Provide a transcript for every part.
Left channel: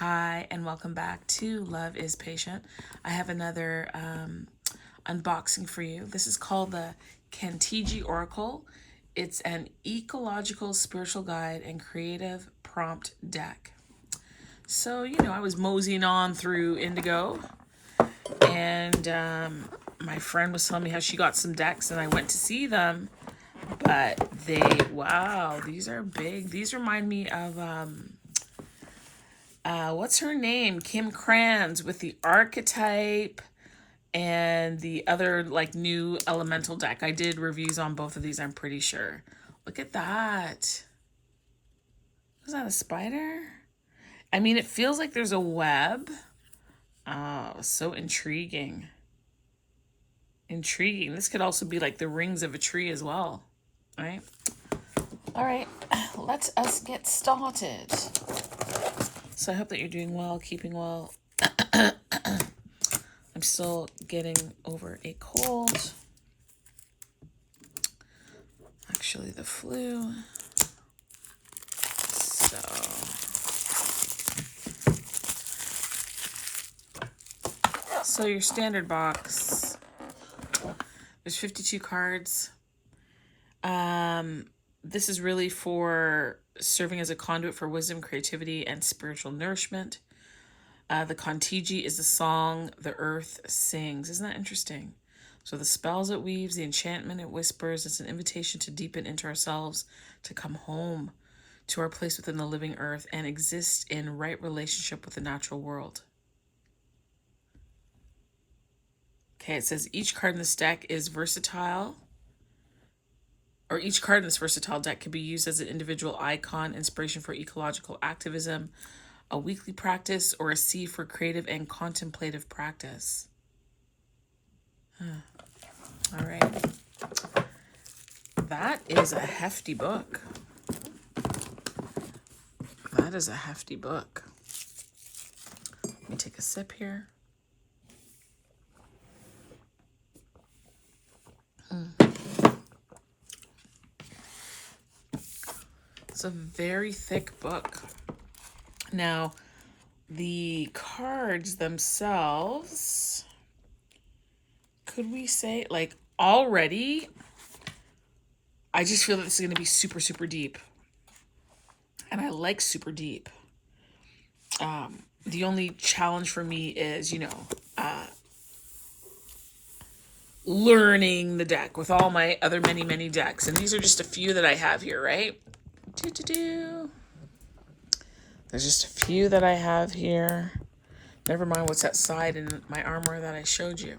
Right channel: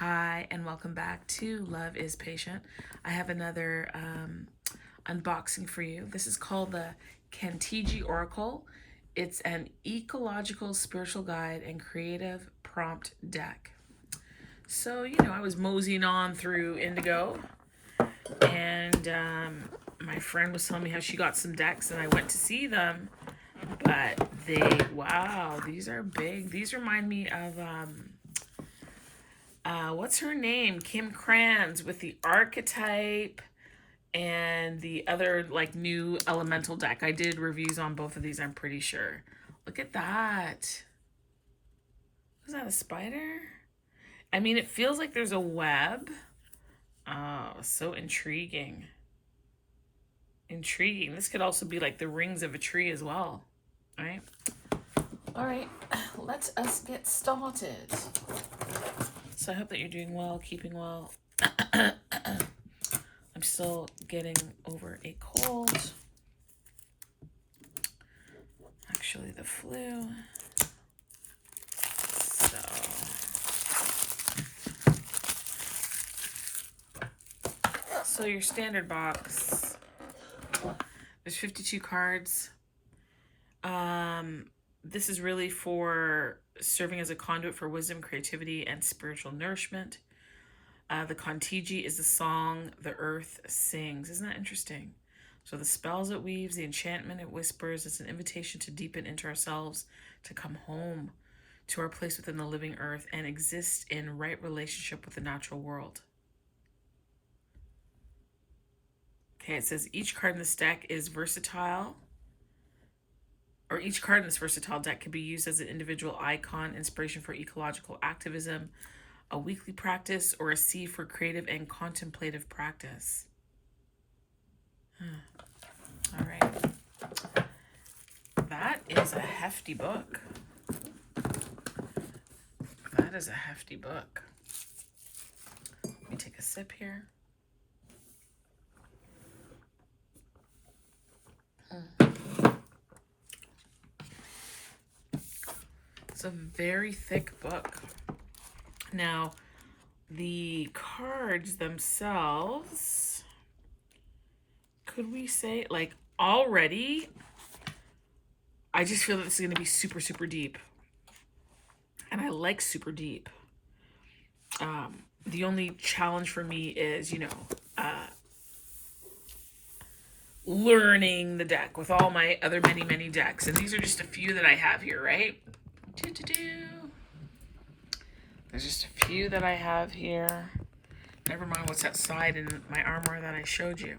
Hi, and welcome back to Love is Patient. I have another unboxing for you. This is called the tigee Oracle. It's an ecological spiritual guide and creative prompt deck. So, I was moseying on through Indigo, and my friend was telling me how she got some decks, and I went to see them. But wow, these are big. These remind me of what's her name? Kim Kranz with the archetype and the other like new elemental deck. I did reviews on both of these, I'm pretty sure. Look at that. Was that a spider? I mean, it feels like there's a web. Oh, so intriguing. Intriguing. This could also be like the rings of a tree as well. Right? All right, let us get started. So I hope that you're doing well, keeping well. I'm still getting over a cold. Actually, the flu. So your standard box. There's 52 cards. This is really for serving as a conduit for wisdom, creativity, and spiritual nourishment. The tigee is the song the earth sings. Isn't that interesting? So the spells it weaves, the enchantment it whispers, it's an invitation to deepen into ourselves, to come home to our place within the living earth and exist in right relationship with the natural world. Okay, it says each card in this deck is versatile, or each card in this versatile deck can be used as an individual icon, inspiration for ecological activism, a weekly practice, or a seed for creative and contemplative practice. All right. That is a hefty book. That is a hefty book. Let me take a sip here. It's a very thick book. Now, the cards themselves, could we say, like, already, I just feel that this is going to be super, super deep. And I like super deep. The only challenge for me is, learning the deck with all my other many, many decks. And these are just a few that I have here, right? There's just a few that I have here. Never mind what's that side in my armor that I showed you.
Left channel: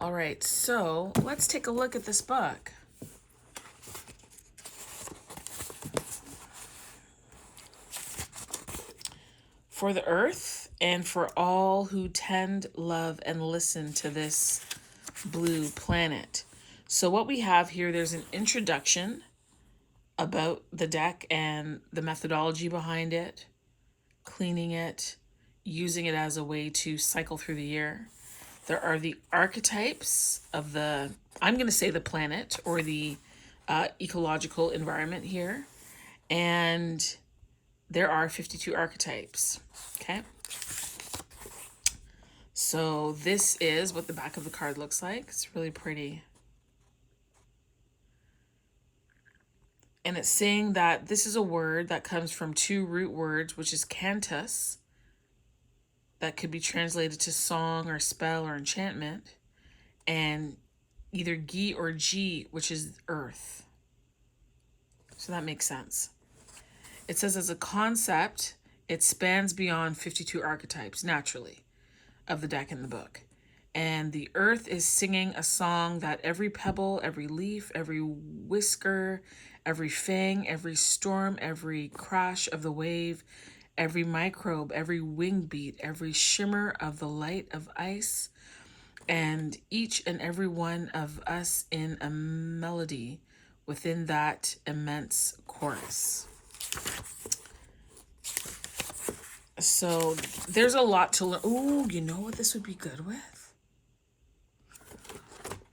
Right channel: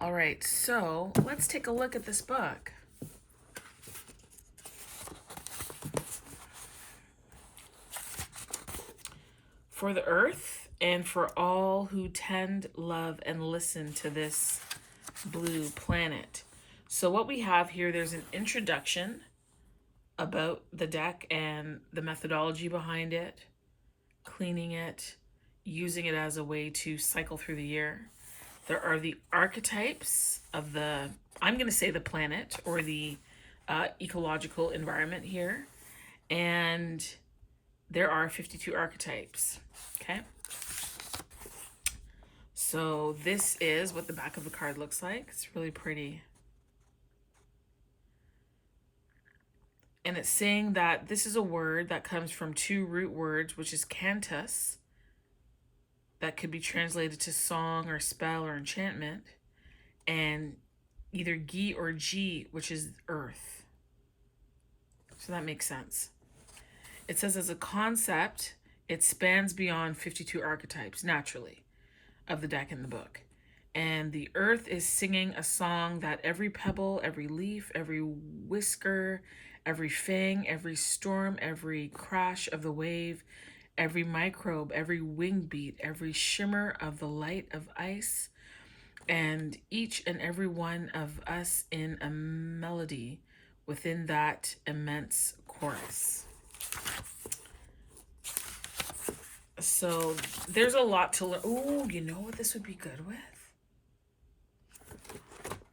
All right, so let's take a look at this book. For the earth and for all who tend, love, and listen to this blue planet. So what we have here, there's an introduction about the deck and the methodology behind it, cleaning it, using it as a way to cycle through the year. There are the archetypes of the, I'm going to say the planet or the ecological environment here. And there are 52 archetypes. Okay. So this is what the back of the card looks like. It's really pretty. And it's saying that this is a word that comes from two root words, which is cantus, that could be translated to song or spell or enchantment, and either gi or g, which is earth. So that makes sense. It says as a concept, it spans beyond 52 archetypes, naturally, of the deck in the book. And the earth is singing a song that every pebble, every leaf, every whisker, every fang, every storm, every crash of the wave, every microbe, every wing beat, every shimmer of the light of ice, and each and every one of us in a melody within that immense chorus. So there's a lot to learn. Ooh, you know what this would be good with?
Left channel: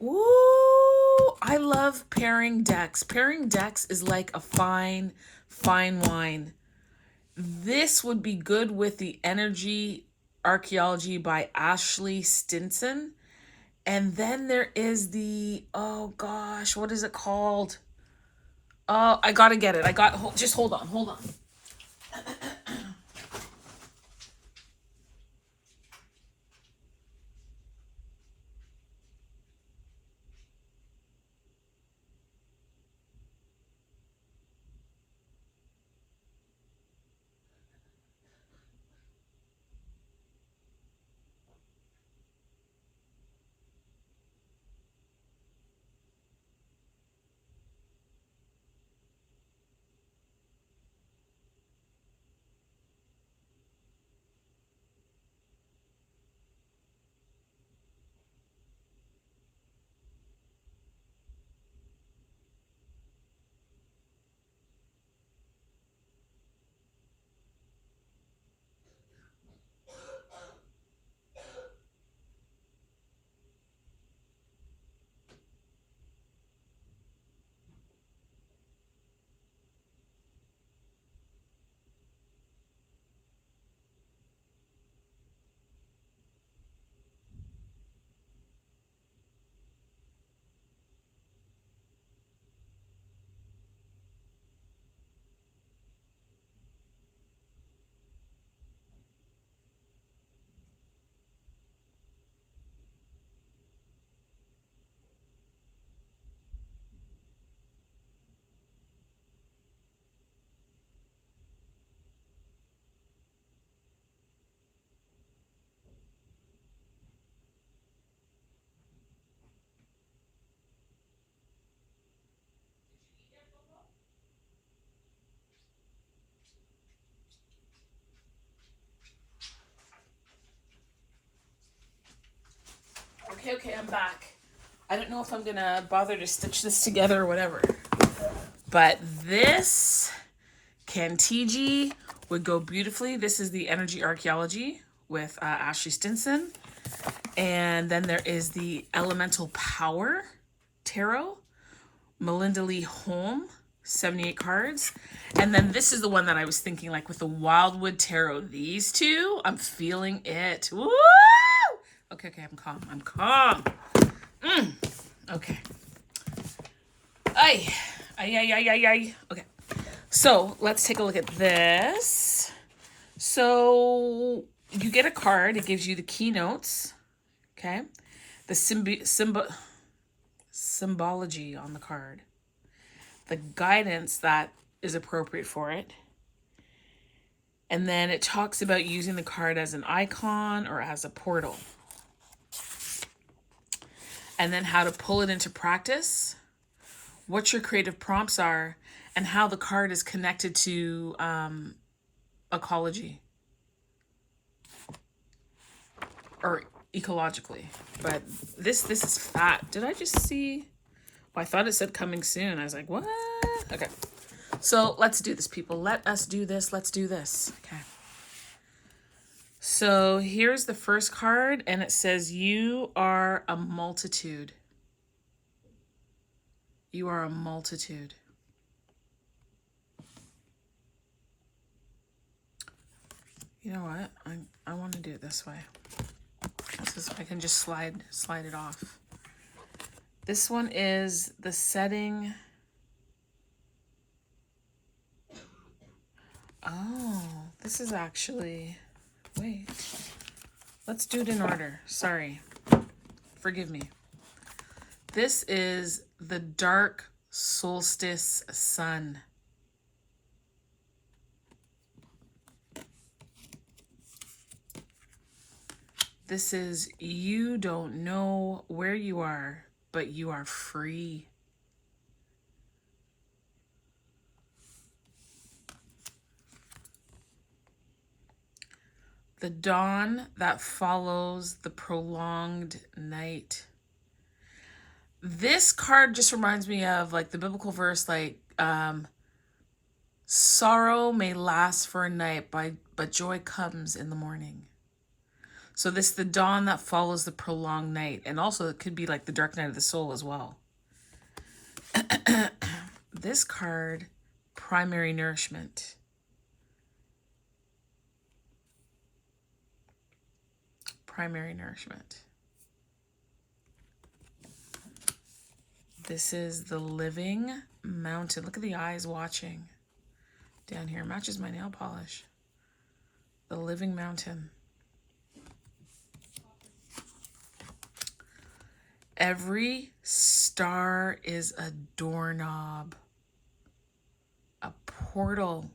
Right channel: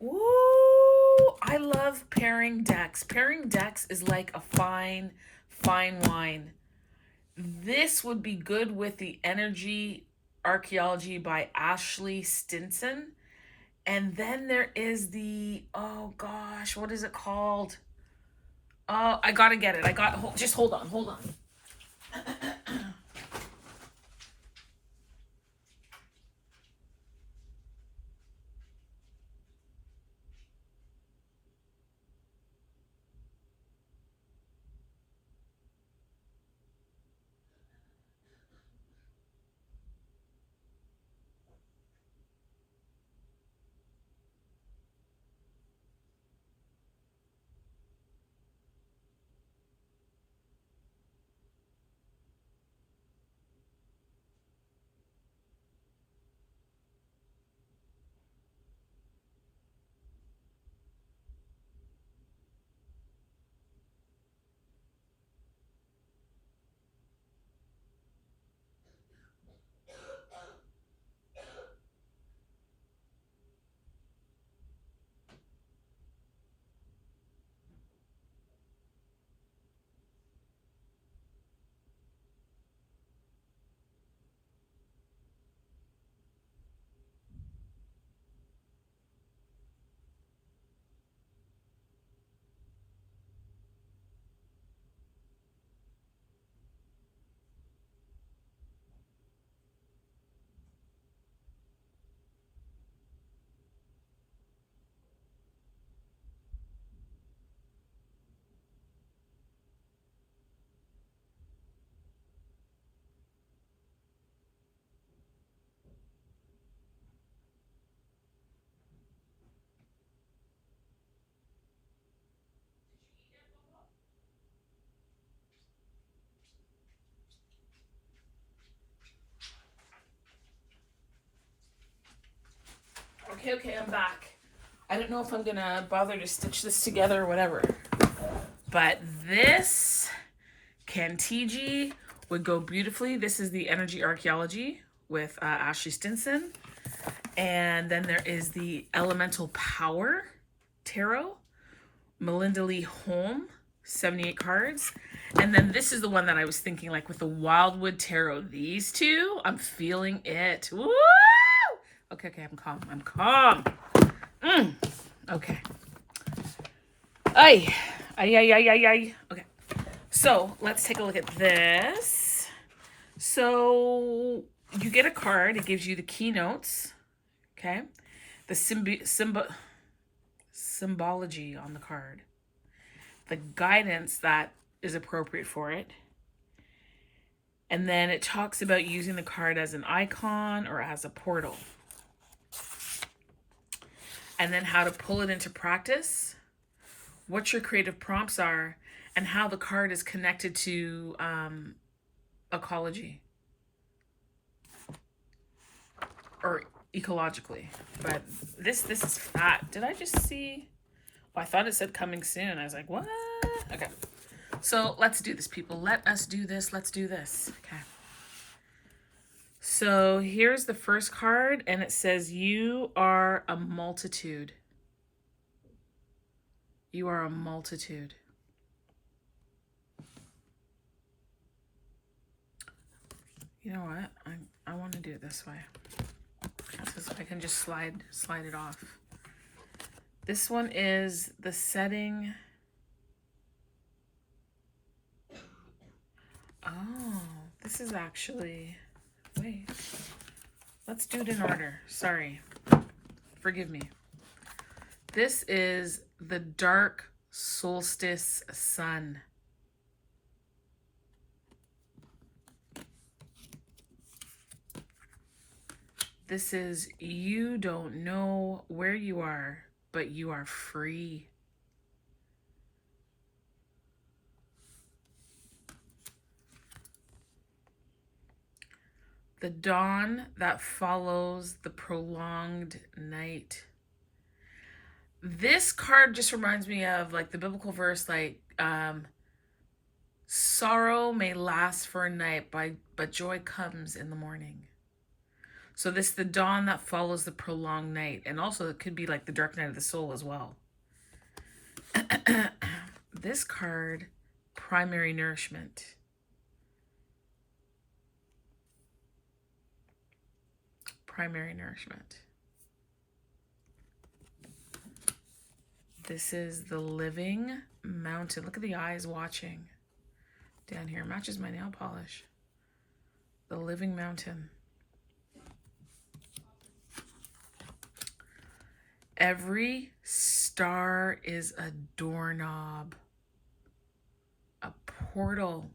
Ooh, I love pairing decks. Pairing decks is like a fine wine. This would be good with the Energy Archaeology by Ashley Stinson. And then there is the, oh gosh, what is it called? Oh, I gotta get it. Just hold on, hold on. Okay, okay, I'm back. I don't know if I'm gonna bother to stitch this together or whatever. But this tigee would go beautifully. This is the Energy Archaeology with Ashley Stinson. And then there is the Elemental Power Tarot, Melinda Lee Holm, 78 cards. And then this is the one that I was thinking, like with the Wildwood Tarot. These two, I'm feeling it. Woo! Okay, okay, I'm calm. I'm calm. Okay. Ay. Ay, ay, ay, ay, ay. Okay. So let's take a look at this. So you get a card. It gives you the keynotes. Okay. The symbology on the card. The guidance that is appropriate for it. And then it talks about using the card as an icon or as a portal. And then how to pull it into practice, what your creative prompts are, and how the card is connected to ecology or ecologically. But this is fat. Did I just see? Oh, I thought it said coming soon. I was like, what? Okay. So let's do this, people. Let us do this. Let's do this. Okay. So here's the first card, and it says, you are a multitude. You are a multitude. You know what? I want to do it this way. This is, I can just slide it off. This one is the setting. Oh, this is actually, wait. Let's do it in order. Sorry. Forgive me. This is the dark solstice sun. This is, you don't know where you are, but you are free. The dawn that follows the prolonged night. This card just reminds me of like the biblical verse, like sorrow may last for a night, but joy comes in the morning. So this, the dawn that follows the prolonged night. And also it could be like the dark night of the soul as well. This card, primary nourishment. primary nourishment. This is the living mountain. Look at the eyes watching down here. Matches my nail polish. The living mountain. Every star is a doorknob, a portal.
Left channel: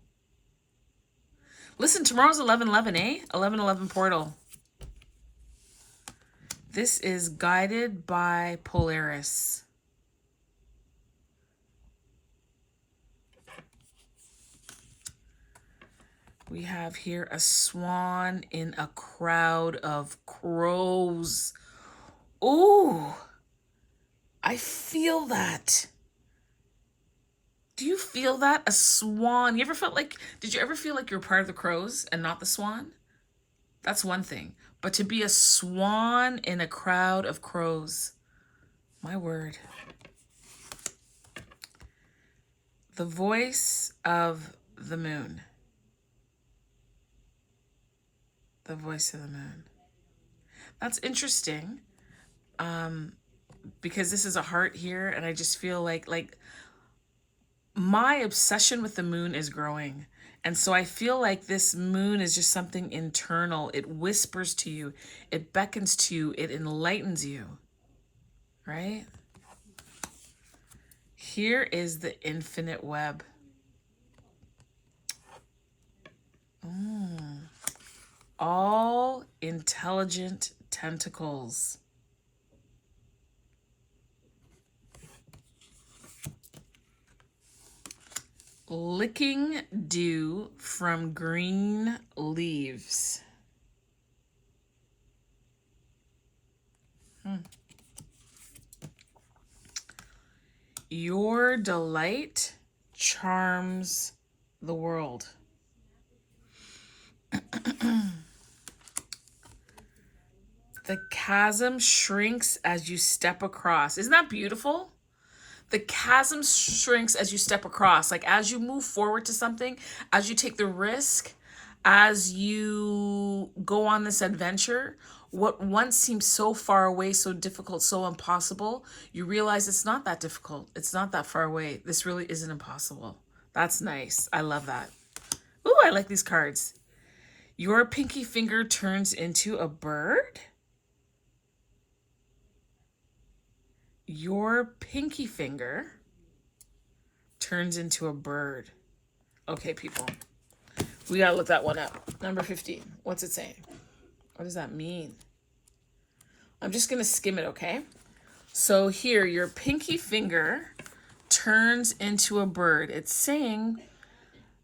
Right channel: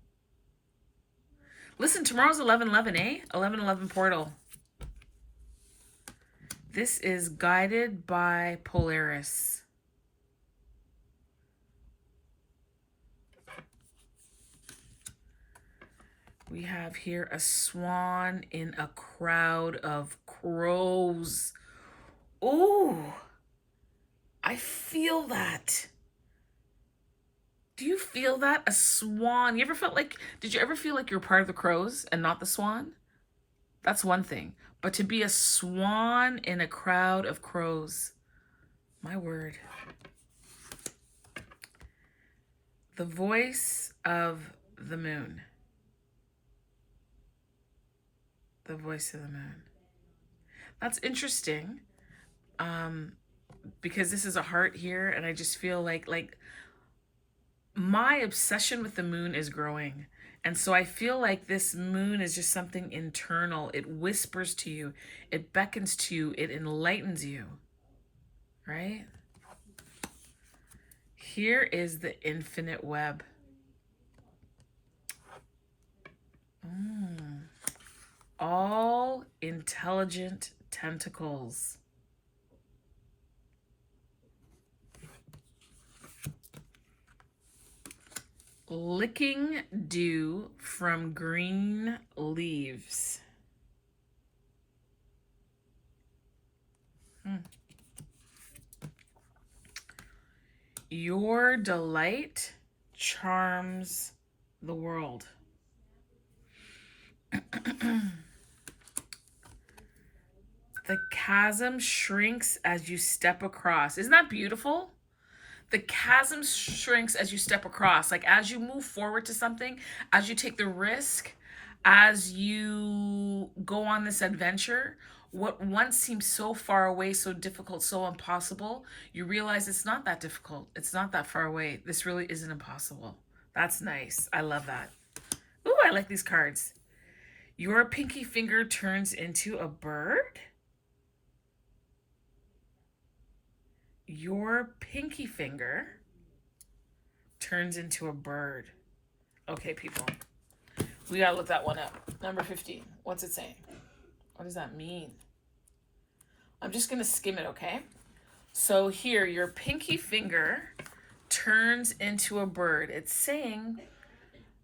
Listen, tomorrow's 11/11, eh? 11/11 portal. This is guided by Polaris. We have here a swan in a crowd of crows. Ooh, I feel that. Do you feel that? A swan. You ever felt like, did you ever feel like you're part of the crows and not the swan? That's one thing. But to be a swan in a crowd of crows, my word. The voice of the moon. The voice of the moon. That's interesting, because this is a heart here, and I just feel like my obsession with the moon is growing. And so I feel like this moon is just something internal. It whispers to you, it beckons to you, it enlightens you, right? Here is the infinite web. All intelligent tentacles. Licking dew from green leaves. Your delight charms the world. The chasm shrinks as you step across. Isn't that beautiful? The chasm shrinks as you step across. Like as you move forward to something, as you take the risk, as you go on this adventure, what once seemed so far away, so difficult, so impossible, you realize it's not that difficult. It's not that far away. This really isn't impossible. That's nice. I love that. Ooh, I like these cards. Your pinky finger turns into a bird. Your pinky finger turns into a bird. Okay, people. We gotta look that one up. Number 15. What's it saying? What does that mean? I'm just gonna skim it, okay? So here, your pinky finger turns into a bird. It's saying,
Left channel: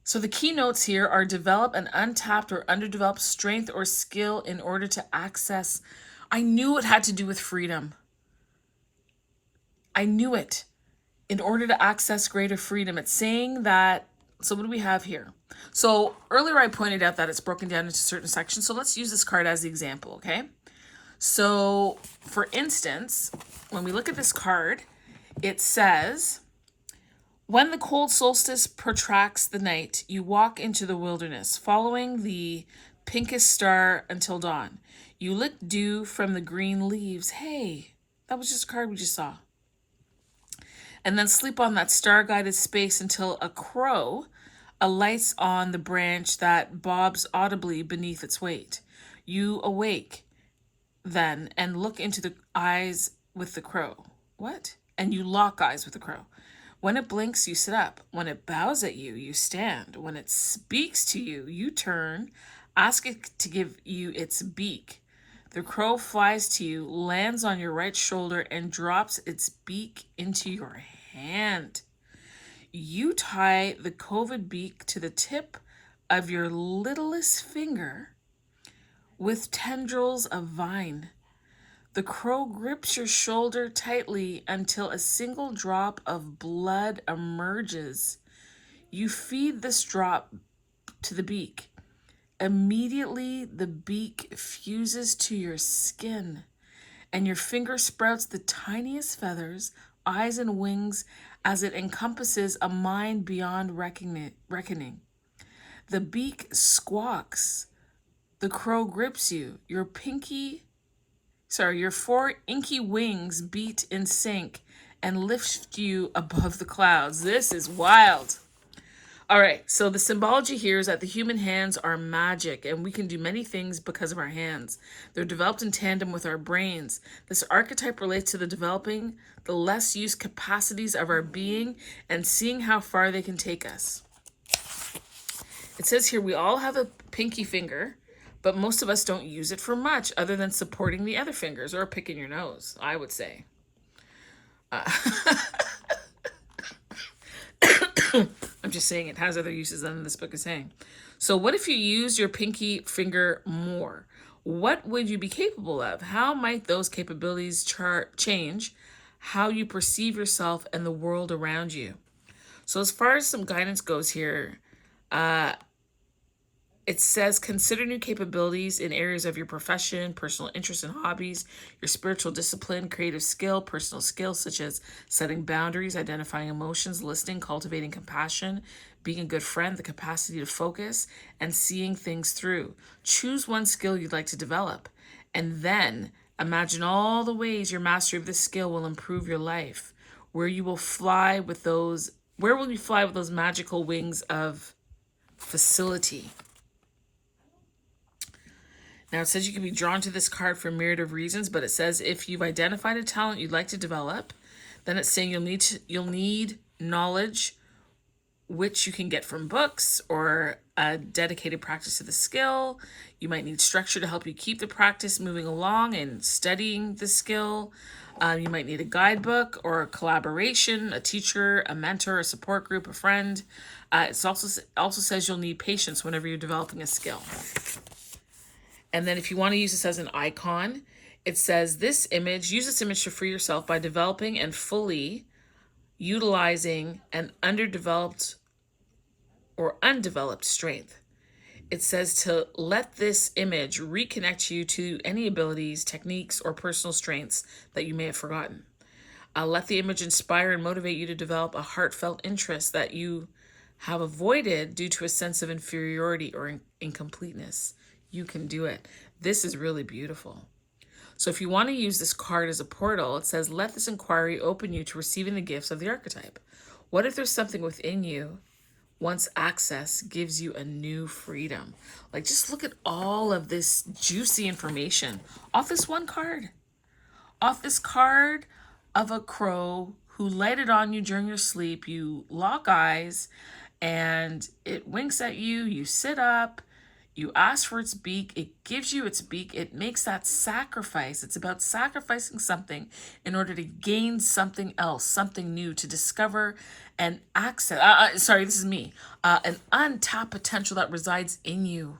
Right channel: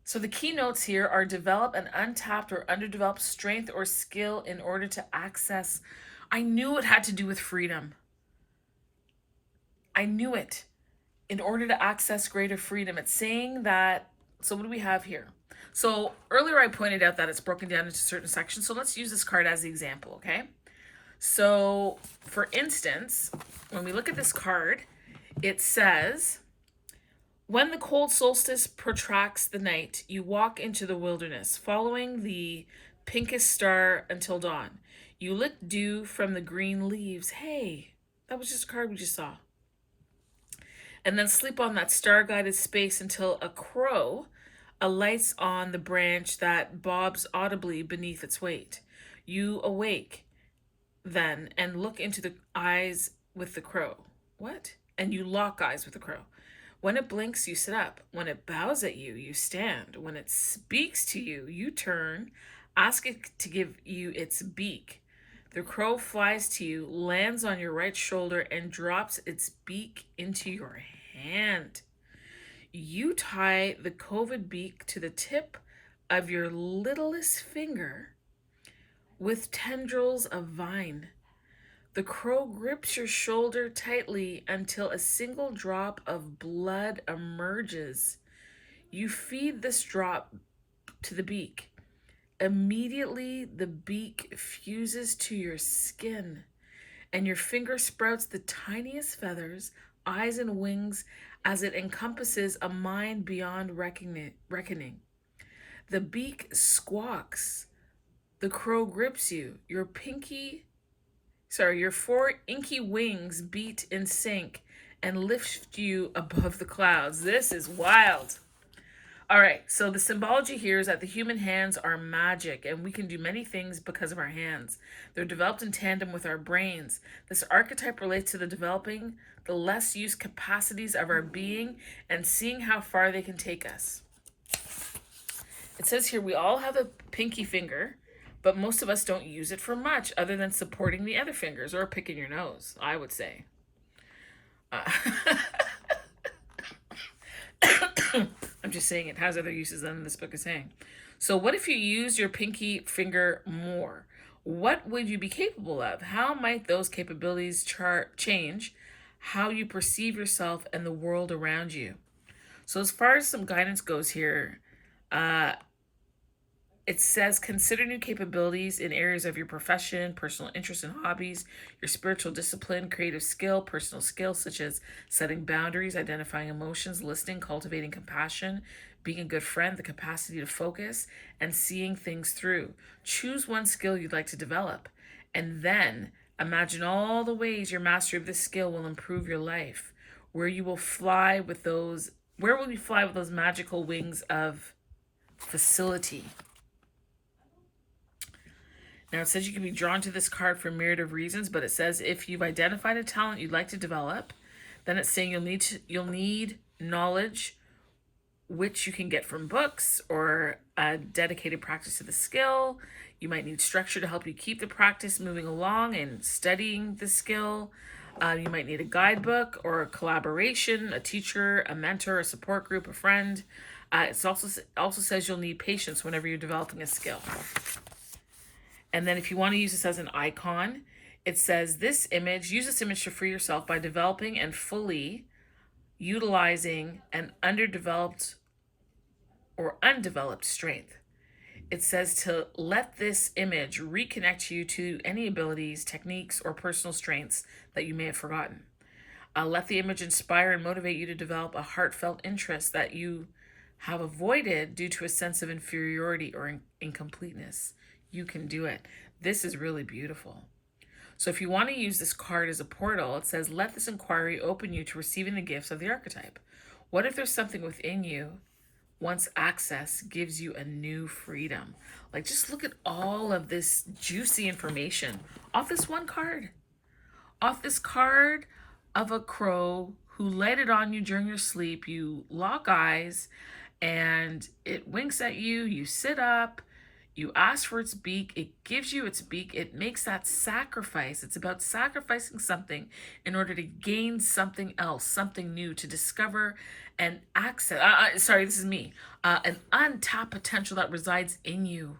so the keynotes here are develop an untapped or underdeveloped strength or skill in order to access. I knew it had to do with freedom. I knew it. In order to access greater freedom. It's saying that, so what do we have here? So earlier I pointed out that it's broken down into certain sections. So let's use this card as the example, okay? So for instance, when we look at this card, it says, when the cold solstice protracts the night, you walk into the wilderness, following the pinkest star until dawn. You lick dew from the green leaves. Hey, that was just a card we just saw. And then sleep on that star-guided space until a crow alights on the branch that bobs audibly beneath its weight. You awake then and look into the eyes with the crow. What? And you lock eyes with the crow. When it blinks, you sit up. When it bows at you, you stand. When it speaks to you, you turn. Ask it to give you its beak. The crow flies to you, lands on your right shoulder, and drops its beak into your hand. You tie the coved beak to the tip of your littlest finger with tendrils of vine. The crow grips your shoulder tightly until a single drop of blood emerges. You feed this drop to the beak. Immediately, the beak fuses to your skin, and your finger sprouts the tiniest feathers, eyes, and wings as it encompasses a mind beyond reckoning. The beak squawks, The crow grips you. Your four inky wings beat in sync and lift you above the clouds. This is wild. All right, so the symbology here is that the human hands are magic and we can do many things because of our hands. They're developed in tandem with our brains. This archetype relates to the developing the less used capacities of our being and seeing how far they can take us. It says here we all have a pinky finger, but most of us don't use it for much other than supporting the other fingers or picking your nose, I would say. I'm just saying it has other uses than this book is saying. So what if you use your pinky finger more? What would you be capable of? How might those capabilities change how you perceive yourself and the world around you? So as far as some guidance goes here, it says consider new capabilities in areas of your profession, personal interests and hobbies, your spiritual discipline, creative skill, personal skills such as setting boundaries, identifying emotions, listening, cultivating compassion, being a good friend, the capacity to focus, and seeing things through. Choose one skill you'd like to develop, and then imagine all the ways your mastery of this skill will improve your life, where you will fly with those, where will you fly with those magical wings of facility? Now it says you can be drawn to this card for a myriad of reasons, but it says if you've identified a talent you'd like to develop, then it's saying you'll need knowledge, which you can get from books or a dedicated practice of the skill. You might need structure to help you keep the practice moving along and studying the skill. You might need a guidebook or a collaboration, a teacher, a mentor, a support group, a friend. It also says you'll need patience whenever you're developing a skill. And then if you want to use this as an icon, it says use this image to free yourself by developing and fully utilizing an underdeveloped or undeveloped strength. It says to let this image reconnect you to any abilities, techniques, or personal strengths that you may have forgotten. Let the image inspire and motivate you to develop a heartfelt interest that you have avoided due to a sense of inferiority or incompleteness. You can do it. This is really beautiful. So if you want to use this card as a portal, it says, let this inquiry open you to receiving the gifts of the archetype. What if there's something within you, once access gives you a new freedom? Like, just look at all of this juicy information off this one card. Off this card of a crow who lighted on you during your sleep. You lock eyes and it winks at you. You sit up. You ask for its beak, it gives you its beak, it makes that sacrifice. It's about sacrificing something in order to gain something else, something new, to discover and access, an untapped potential that resides in you.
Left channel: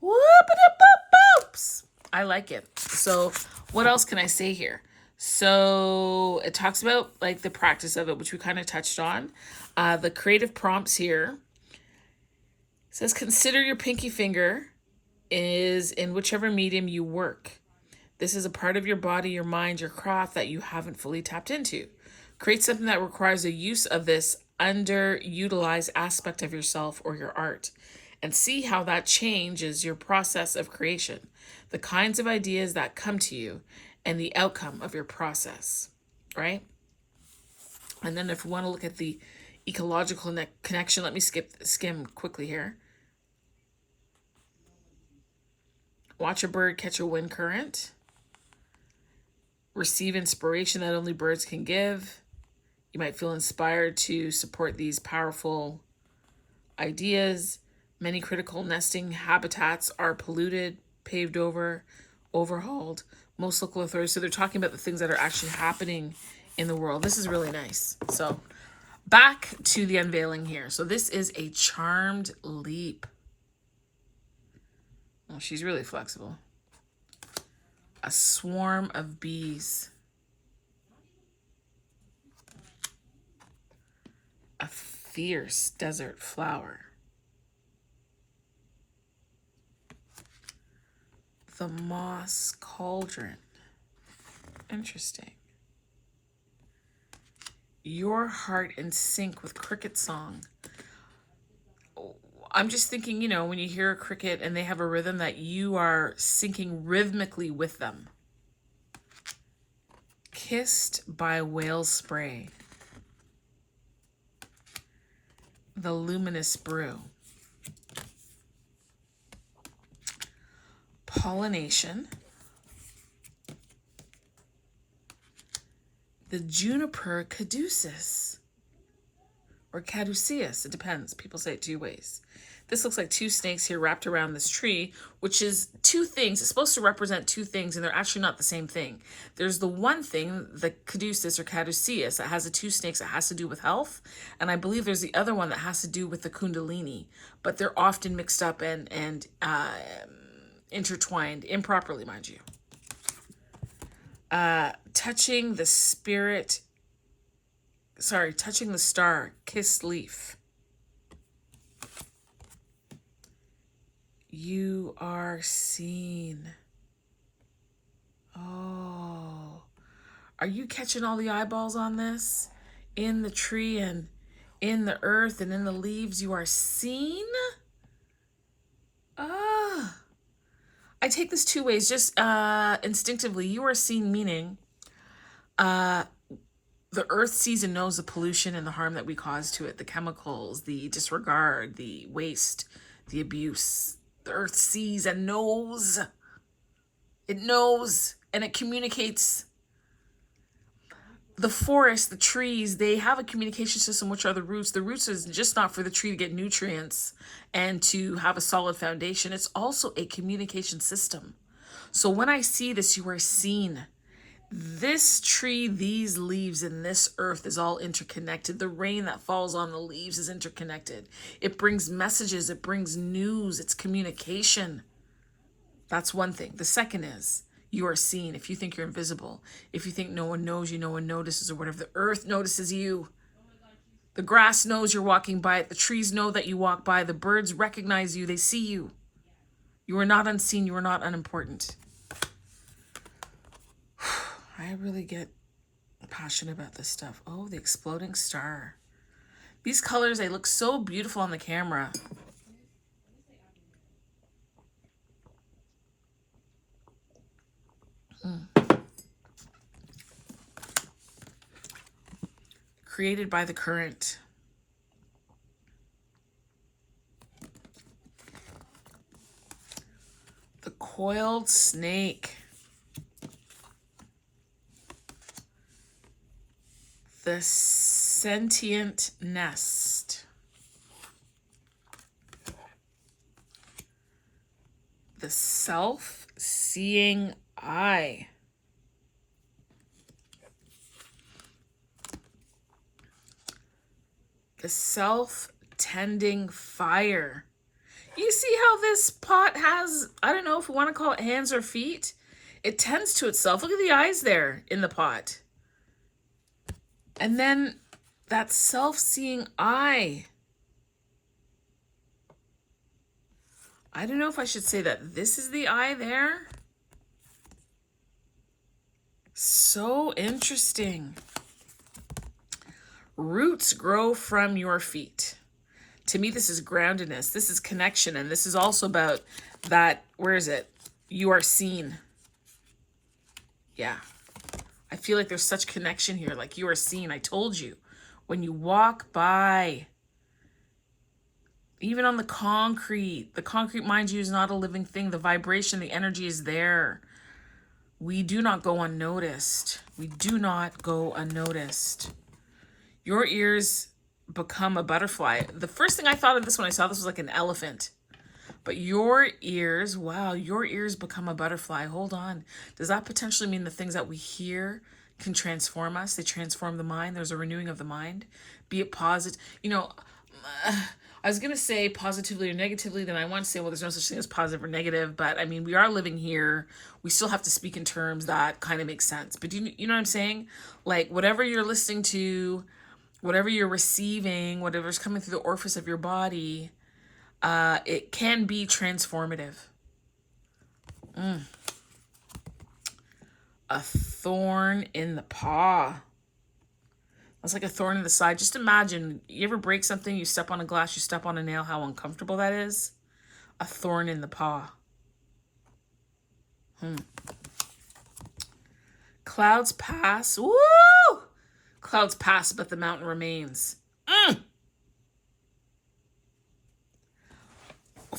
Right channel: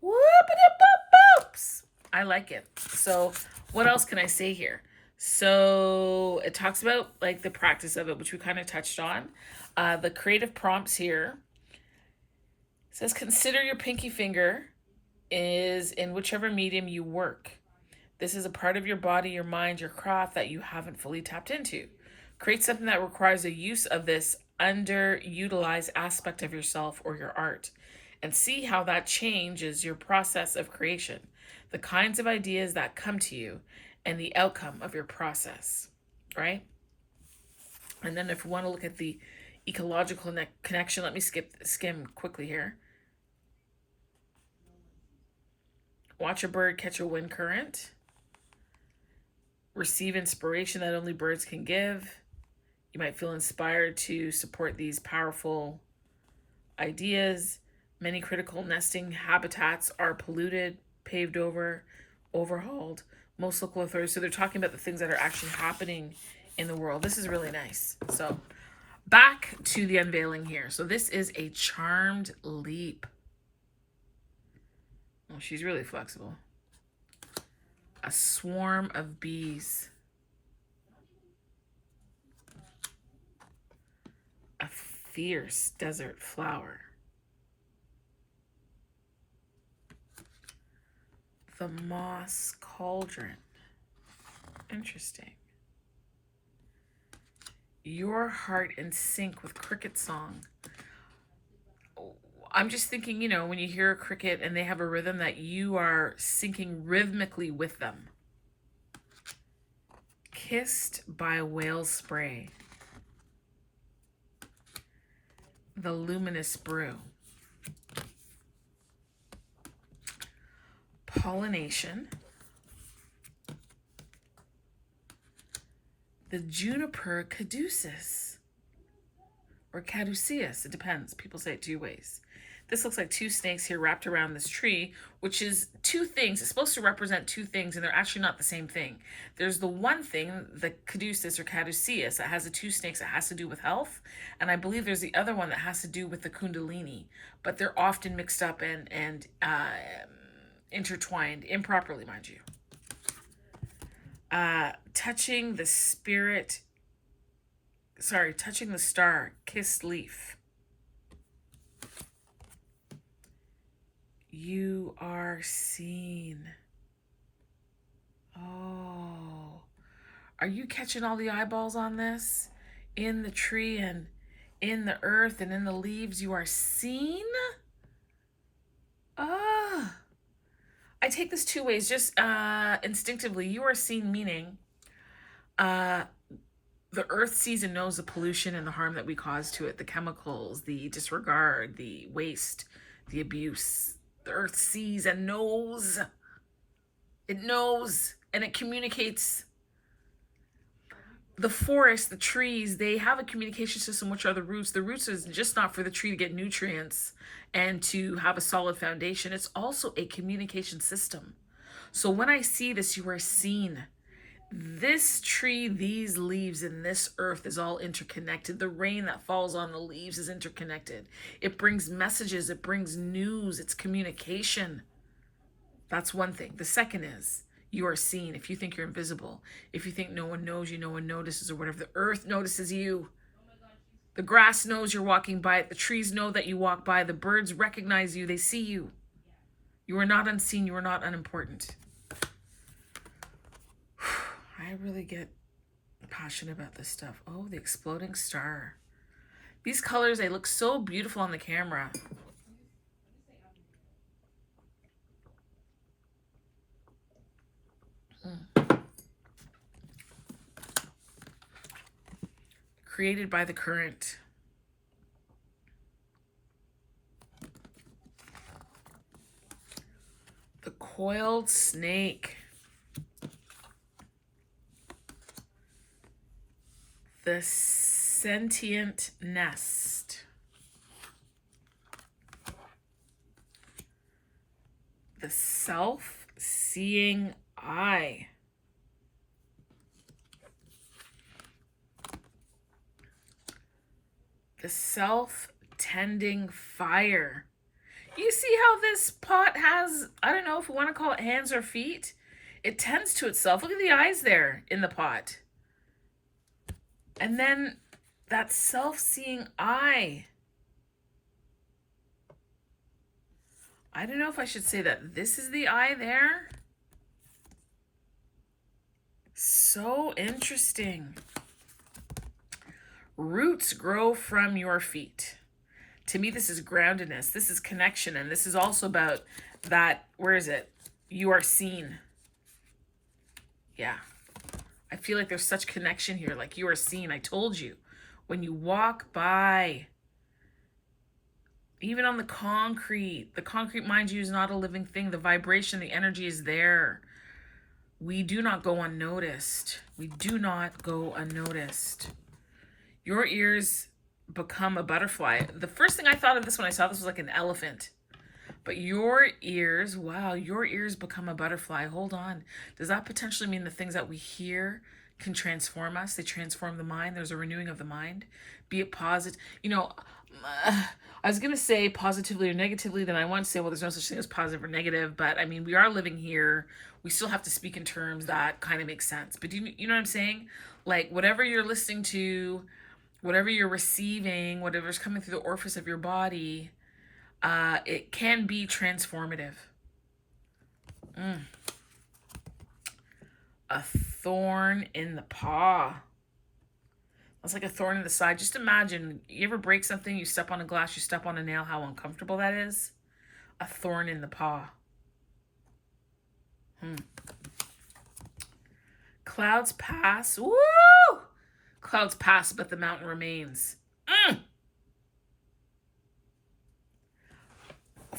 Whoop-a-doop-boop-boops. I like it. So what else can I say here? So it talks about like the practice of it, which we kind of touched on. The creative prompts here. It says, consider your pinky finger is in whichever medium you work. This is a part of your body, your mind, your craft that you haven't fully tapped into. Create something that requires the use of this underutilized aspect of yourself or your art, and see how that changes your process of creation, the kinds of ideas that come to you, and the outcome of your process, right? And then if we want to look at the ecological connection, let me skim quickly here. Watch a bird catch a wind current. Receive inspiration that only birds can give. You might feel inspired to support these powerful ideas. Many critical nesting habitats are polluted, paved over, overhauled. Most local authorities, so they're talking about the things that are actually happening in the world. This is really nice. So back to the unveiling here. So this is a charmed leap. Oh, she's really flexible. A swarm of bees. A fierce desert flower. The moss cauldron. Interesting. Your heart in sync with cricket song. I'm just thinking, you know, when you hear a cricket and they have a rhythm, that you are syncing rhythmically with them. Kissed by whale spray. The luminous brew. Pollination. The juniper caduceus. Or caduceus, it depends. People say it two ways. This looks like two snakes here wrapped around this tree, which is two things. It's supposed to represent two things, and they're actually not the same thing. There's the one thing, the caduceus or caduceus, that has the two snakes that has to do with health, and I believe there's the other one that has to do with the kundalini, but they're often mixed up and intertwined, improperly, mind you. Touching the star, kissed leaf. You are seen. Oh, are you catching all the eyeballs on this? In the tree and in the earth and in the leaves, you are seen? Ah. I take this two ways, just instinctively. You are seen meaning the earth sees and knows the pollution and the harm that we cause to it, the chemicals, the disregard, the waste, the abuse. The earth sees and knows. It knows and it communicates. The forest, the trees, they have a communication system, which are the roots. The roots is just not for the tree to get nutrients and to have a solid foundation. It's also a communication system. So when I see this, you are seen. This tree, these leaves, and this earth is all interconnected. The rain that falls on the leaves is interconnected. It brings messages. It brings news. It's communication. That's one thing. The second is you are seen. If you think you're invisible, if you think no one knows you, no one notices or whatever, the earth notices you. The grass knows you're walking by it. The trees know that you walk by. The birds recognize you. They see you. You are not unseen. You are not unimportant. I really get passionate about this stuff. Oh, the exploding star. These colors, they look so beautiful on the camera. Created by the current. The coiled snake. The sentient nest. The self-seeing eye. The self-tending fire. You see how this pot has, I don't know if we want to call it hands or feet. It tends to itself. Look at the eyes there in the pot. And then that self-seeing eye. I don't know if I should say that this is the eye there. So interesting. Roots grow from your feet. To me, this is groundedness. This is connection. And this is also about that, where is it? You are seen. Yeah. I feel like there's such connection here. Like you are seen. I told you. When you walk by, even on the concrete, mind you, is not a living thing. The vibration, the energy is there. We do not go unnoticed. We do not go unnoticed. Your ears become a butterfly. The first thing I thought of this when I saw this was like an elephant. But your ears, wow, your ears become a butterfly. Hold on. Does that potentially mean the things that we hear can transform us? They transform the mind. There's a renewing of the mind. Be it positive. You know, I was going to say positively or negatively. Then I want to say, well, there's no such thing as positive or negative. But I mean, we are living here. We still have to speak in terms that kind of make sense. But do you know what I'm saying? Like whatever you're listening to, whatever you're receiving, whatever's coming through the orifice of your body, it can be transformative. A thorn in the paw. It's like a thorn in the side. Just imagine, you ever break something, you step on a glass, you step on a nail, how uncomfortable that is? A thorn in the paw. Clouds pass. Woo! Clouds pass, but the mountain remains.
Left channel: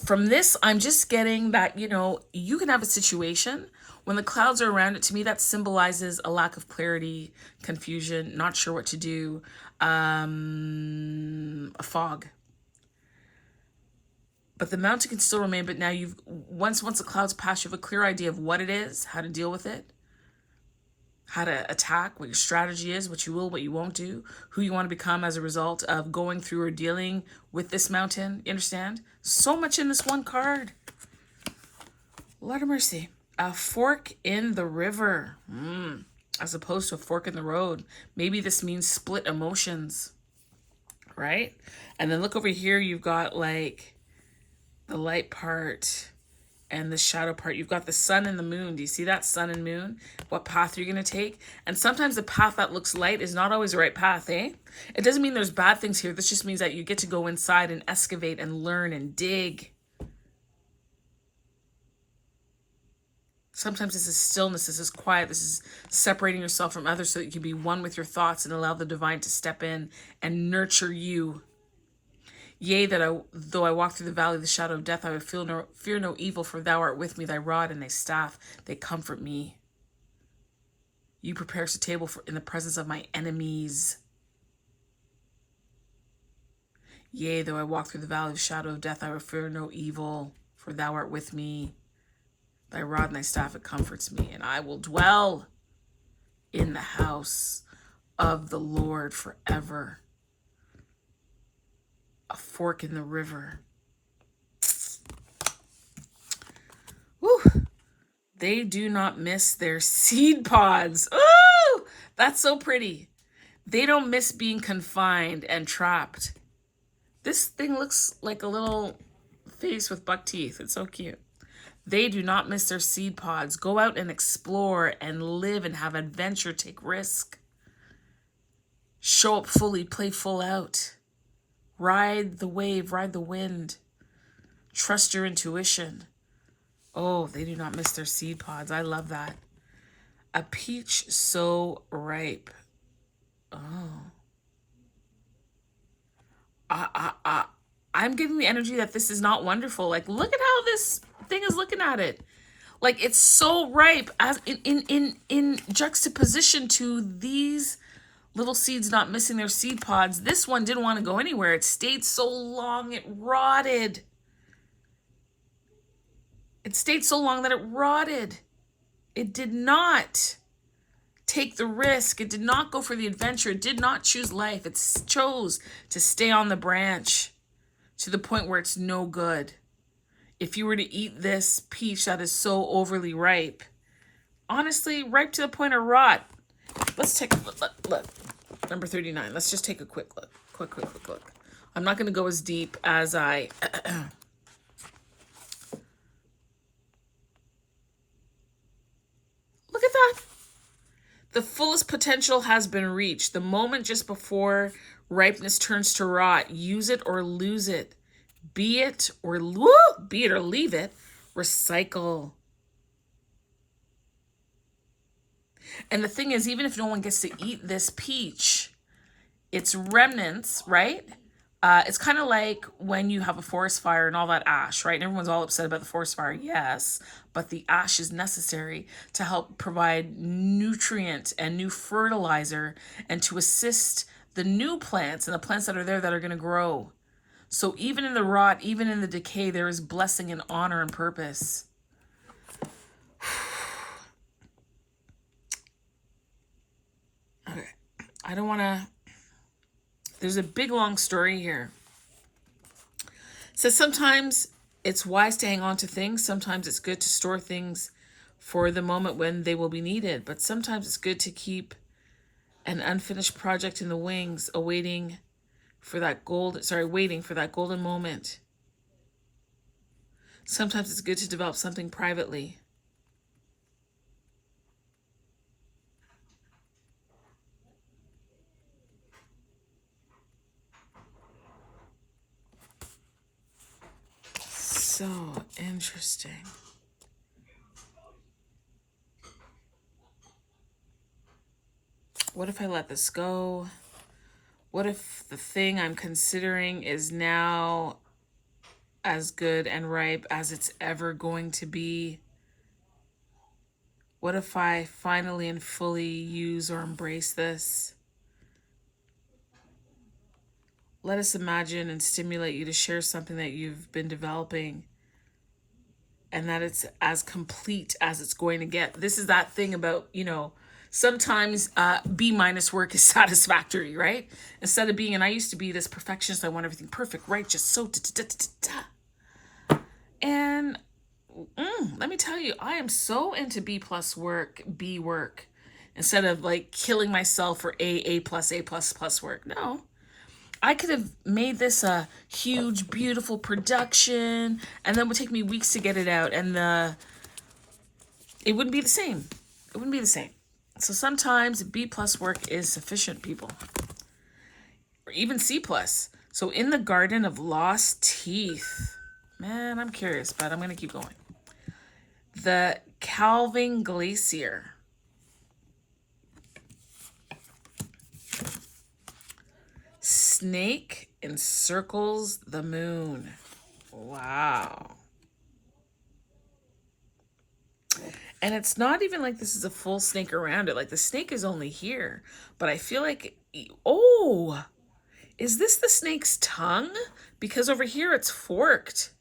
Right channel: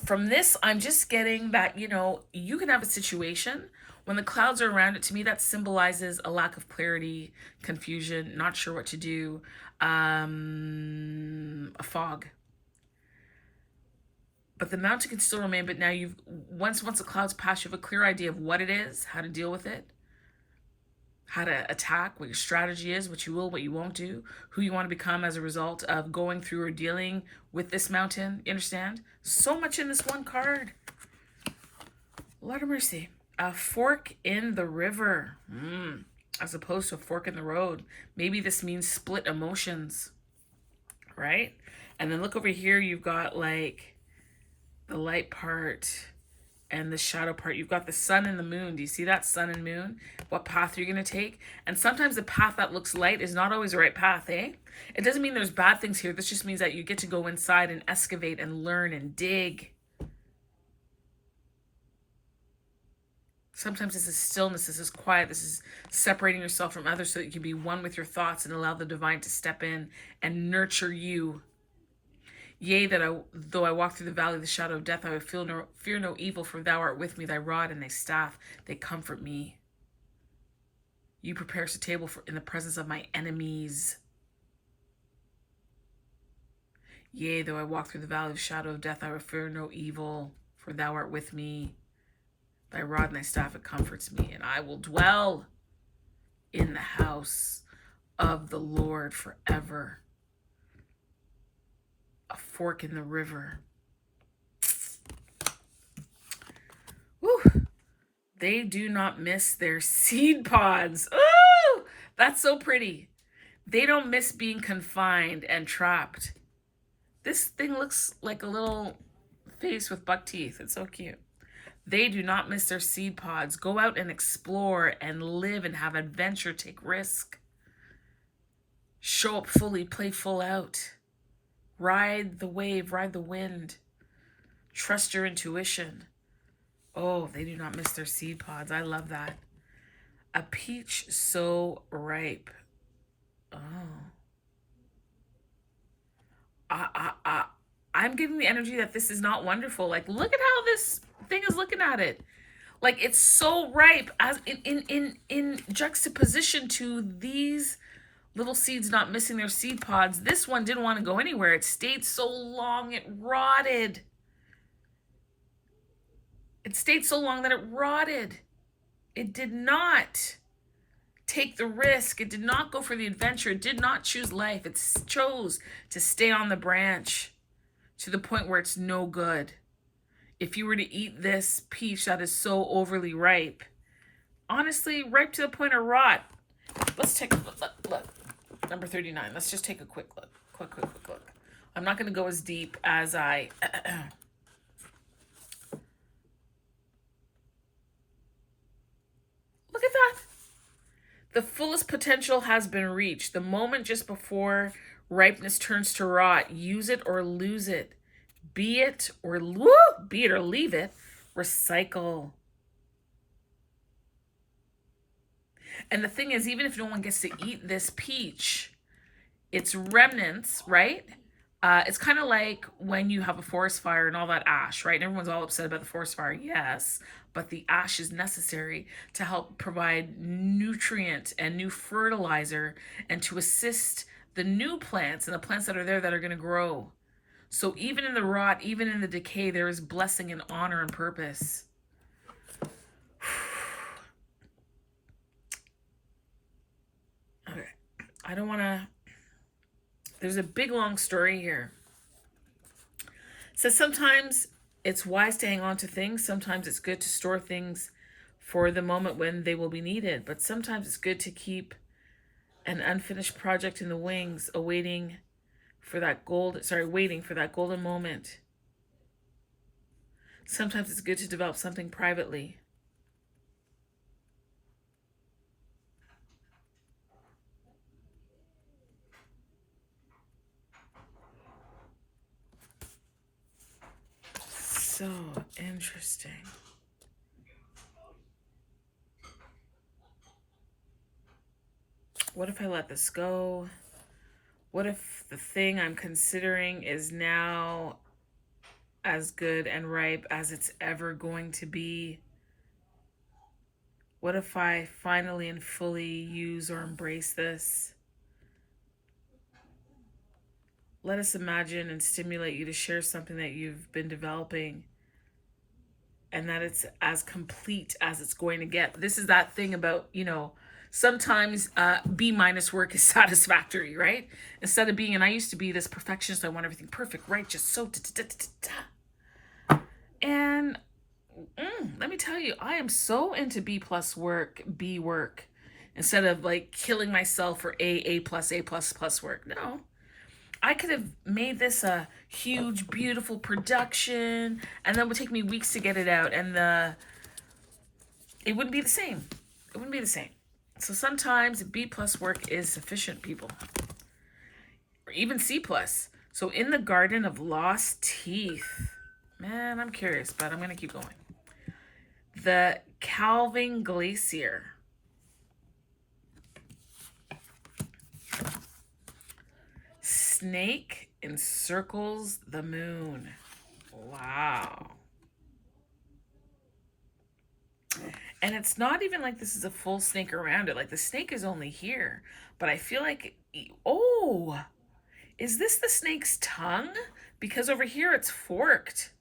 From this, I'm just getting that, you can have a situation when the clouds are around it. To me, that symbolizes a lack of clarity, confusion, not sure what to do, a fog. But the mountain can still remain, but now once the clouds pass, you have a clear idea of what it is, how to deal with it, how to attack, what your strategy is, what you will, what you won't do, who you want to become as a result of going through or dealing with this mountain. You understand? So much in this one card. Lord of mercy. A fork in the river, as opposed to a fork in the road. Maybe this means split emotions, right? And then look over here, you've got like the light part and the shadow part. You've got the sun and the moon. Do you see that? Sun and moon. What path you're going to take. And sometimes the path that looks light is not always the right path, eh? It doesn't mean there's bad things here. This just means that you get to go inside and excavate and learn and dig. Sometimes this is stillness. This is quiet. This is separating yourself from others so that you can be one with your thoughts and allow the divine to step in and nurture you. Yea, though I walk through the valley of the shadow of death, I would fear no evil, for thou art with me, thy rod and thy staff, they comfort me. You prepare us a table in the presence of my enemies. Yea, though I walk through the valley of the shadow of death, I will fear no evil, for thou art with me. Thy rod and thy staff, it comforts me, and I will dwell in the house of the Lord forever. A fork in the river. Woo! They do not miss their seed pods. Ooh! That's so pretty. They don't miss being confined and trapped. This thing looks like a little face with buck teeth. It's so cute. They do not miss their seed pods. Go out and explore and live and have adventure. Take risk. Show up fully. Play full out. Ride the wave. Ride the wind. Trust your intuition. Oh, they do not miss their seed pods. I love that. A peach so ripe. Oh. I'm getting the energy that this is not wonderful. Like, look at how this thing is looking at it. Like, it's so ripe as in juxtaposition to these little seeds not missing their seed pods. This one didn't want to go anywhere. It stayed so long, it rotted. It stayed so long that it rotted. It did not take the risk. It did not go for the adventure. It did not choose life. It chose to stay on the branch to the point where it's no good. If you were to eat this peach that is so overly ripe, honestly, ripe to the point of rot. Let's take a look. Number 39. Let's just take a quick look. Quick look. I'm not going to go as deep as I... Look at that. The fullest potential has been reached. The moment just before ripeness turns to rot. Use it or lose it. Be it or leave it. Recycle. And the thing is, even if no one gets to eat this peach, its remnants, right? It's kind of like when you have a forest fire and all that ash, right? And everyone's all upset about the forest fire. Yes, but the ash is necessary to help provide nutrient and new fertilizer and to assist the new plants and the plants that are there that are going to grow. So even in the rot, even in the decay, there is blessing and honor and purpose. Okay, I don't want to... There's a big, long story here. It says sometimes it's wise to hang on to things. Sometimes it's good to store things for the moment when they will be needed. But sometimes it's good to keep an unfinished project in the wings, waiting for that golden moment. Sometimes it's good to develop something privately. interesting. What if I let this go? What if the thing I'm considering is now as good and ripe as it's ever going to be? What if I finally and fully use or embrace this? Let us imagine and stimulate you to share something that you've been developing and that it's as complete as it's going to get. This is that thing about, sometimes B minus work is satisfactory, right? Instead of being, and I used to be this perfectionist, I want everything perfect, right? Just so And let me tell you, I am so into B plus work, B work, instead of like killing myself for A plus work. No, I could have made this a huge, beautiful production, and then it would take me weeks to get it out, and it wouldn't be the same. It wouldn't be the same. So sometimes B plus work is sufficient, people, or even C plus. So in the Garden of Lost Teeth, man, I'm curious, but I'm gonna keep going. The Calving Glacier. Snake encircles the moon. Wow. And it's not even like this is a full snake around it. Like the snake is only here. But I feel like, oh, is this the snake's tongue? Because over here it's forked.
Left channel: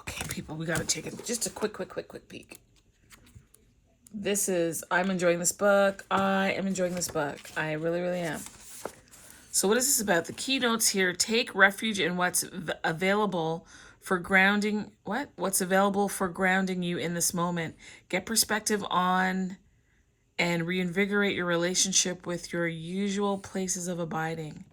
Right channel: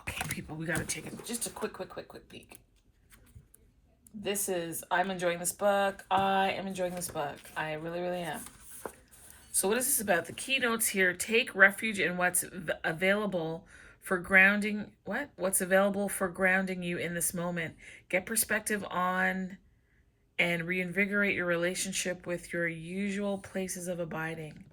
Okay, people, we gotta take just a quick peek. I'm enjoying this book. I am enjoying this book. I really, really am. So what is this about? The keynotes here: take refuge in what's available for grounding. What's available for grounding you in this moment. Get perspective on and reinvigorate your relationship with your usual places of abiding.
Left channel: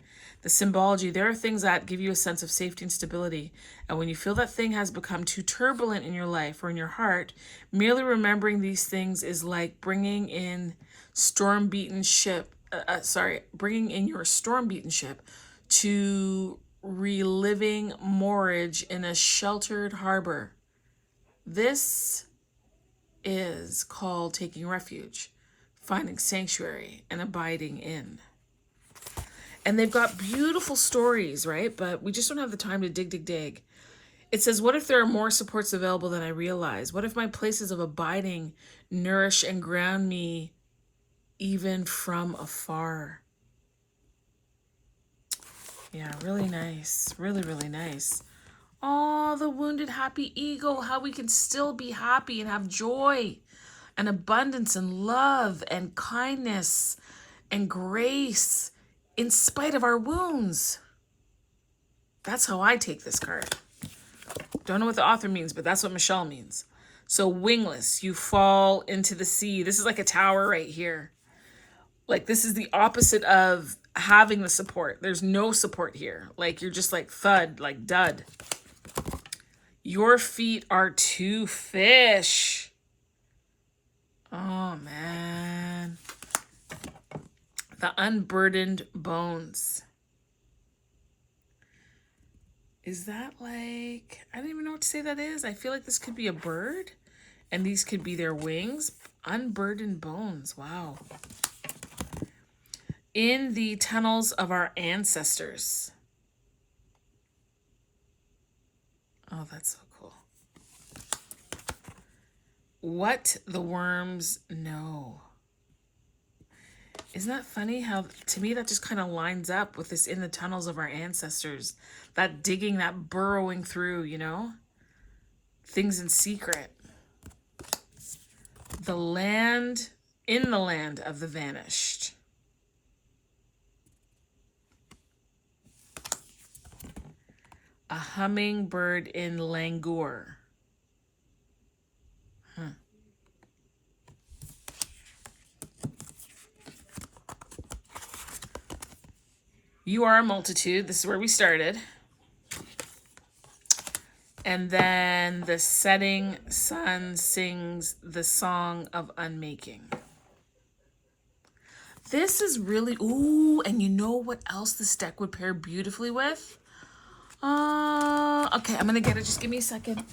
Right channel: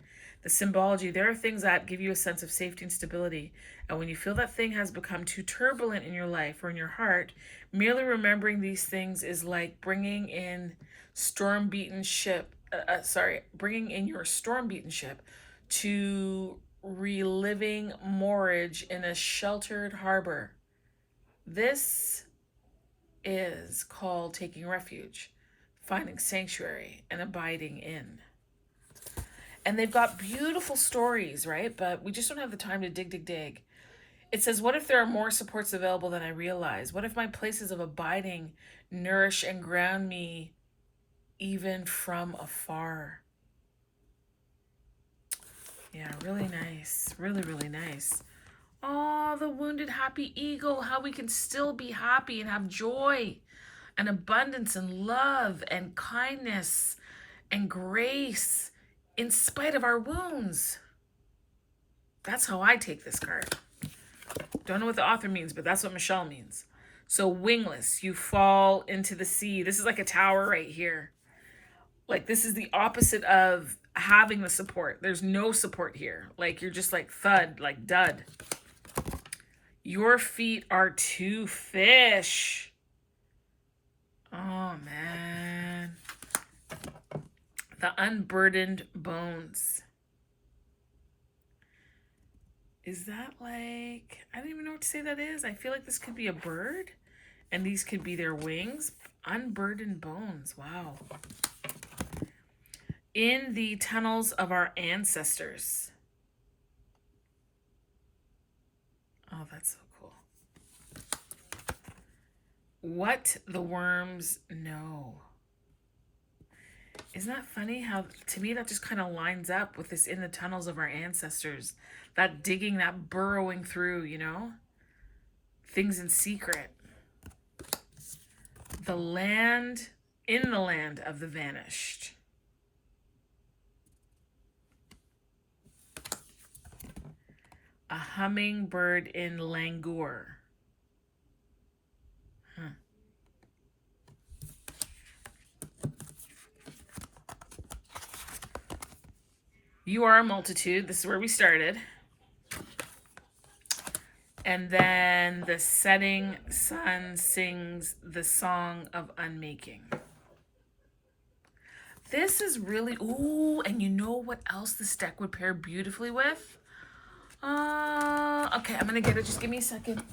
The symbology: there are things that give you a sense of safety and stability. And when you feel that thing has become too turbulent in your life or in your heart, merely remembering these things is like bringing in bringing in your storm-beaten ship to reliving moorage in a sheltered harbor. This is called taking refuge, finding sanctuary, and abiding in. And they've got beautiful stories, right? But we just don't have the time to dig. It says, what if there are more supports available than I realize? What if my places of abiding nourish and ground me even from afar? Yeah, really nice. Really, really nice. Oh, the wounded happy ego, how we can still be happy and have joy and abundance and love and kindness and grace in spite of our wounds. That's how I take this card. Don't know what the author means, but that's what Michelle means. So wingless, you fall into the sea. This is like a tower right here. Like this is the opposite of having the support. There's no support here. Like you're just like thud, like dud. Your feet are two fish. Oh man. The unburdened bones. Is that like, I don't even know what to say that is. I feel like this could be a bird and these could be their wings. Unburdened bones. Wow. In the tunnels of our ancestors. Oh, that's so cool. What the worms know. Isn't that funny how, to me, that just kind of lines up with this in the tunnels of our ancestors. That digging, that burrowing through, things in secret. The land, in the land of the vanished. A hummingbird in languor. You are a multitude. This is where we started. And then the setting sun sings the song of unmaking. This is really, ooh, and you know what else this deck would pair beautifully with? Okay, I'm gonna get it. Just give me a second.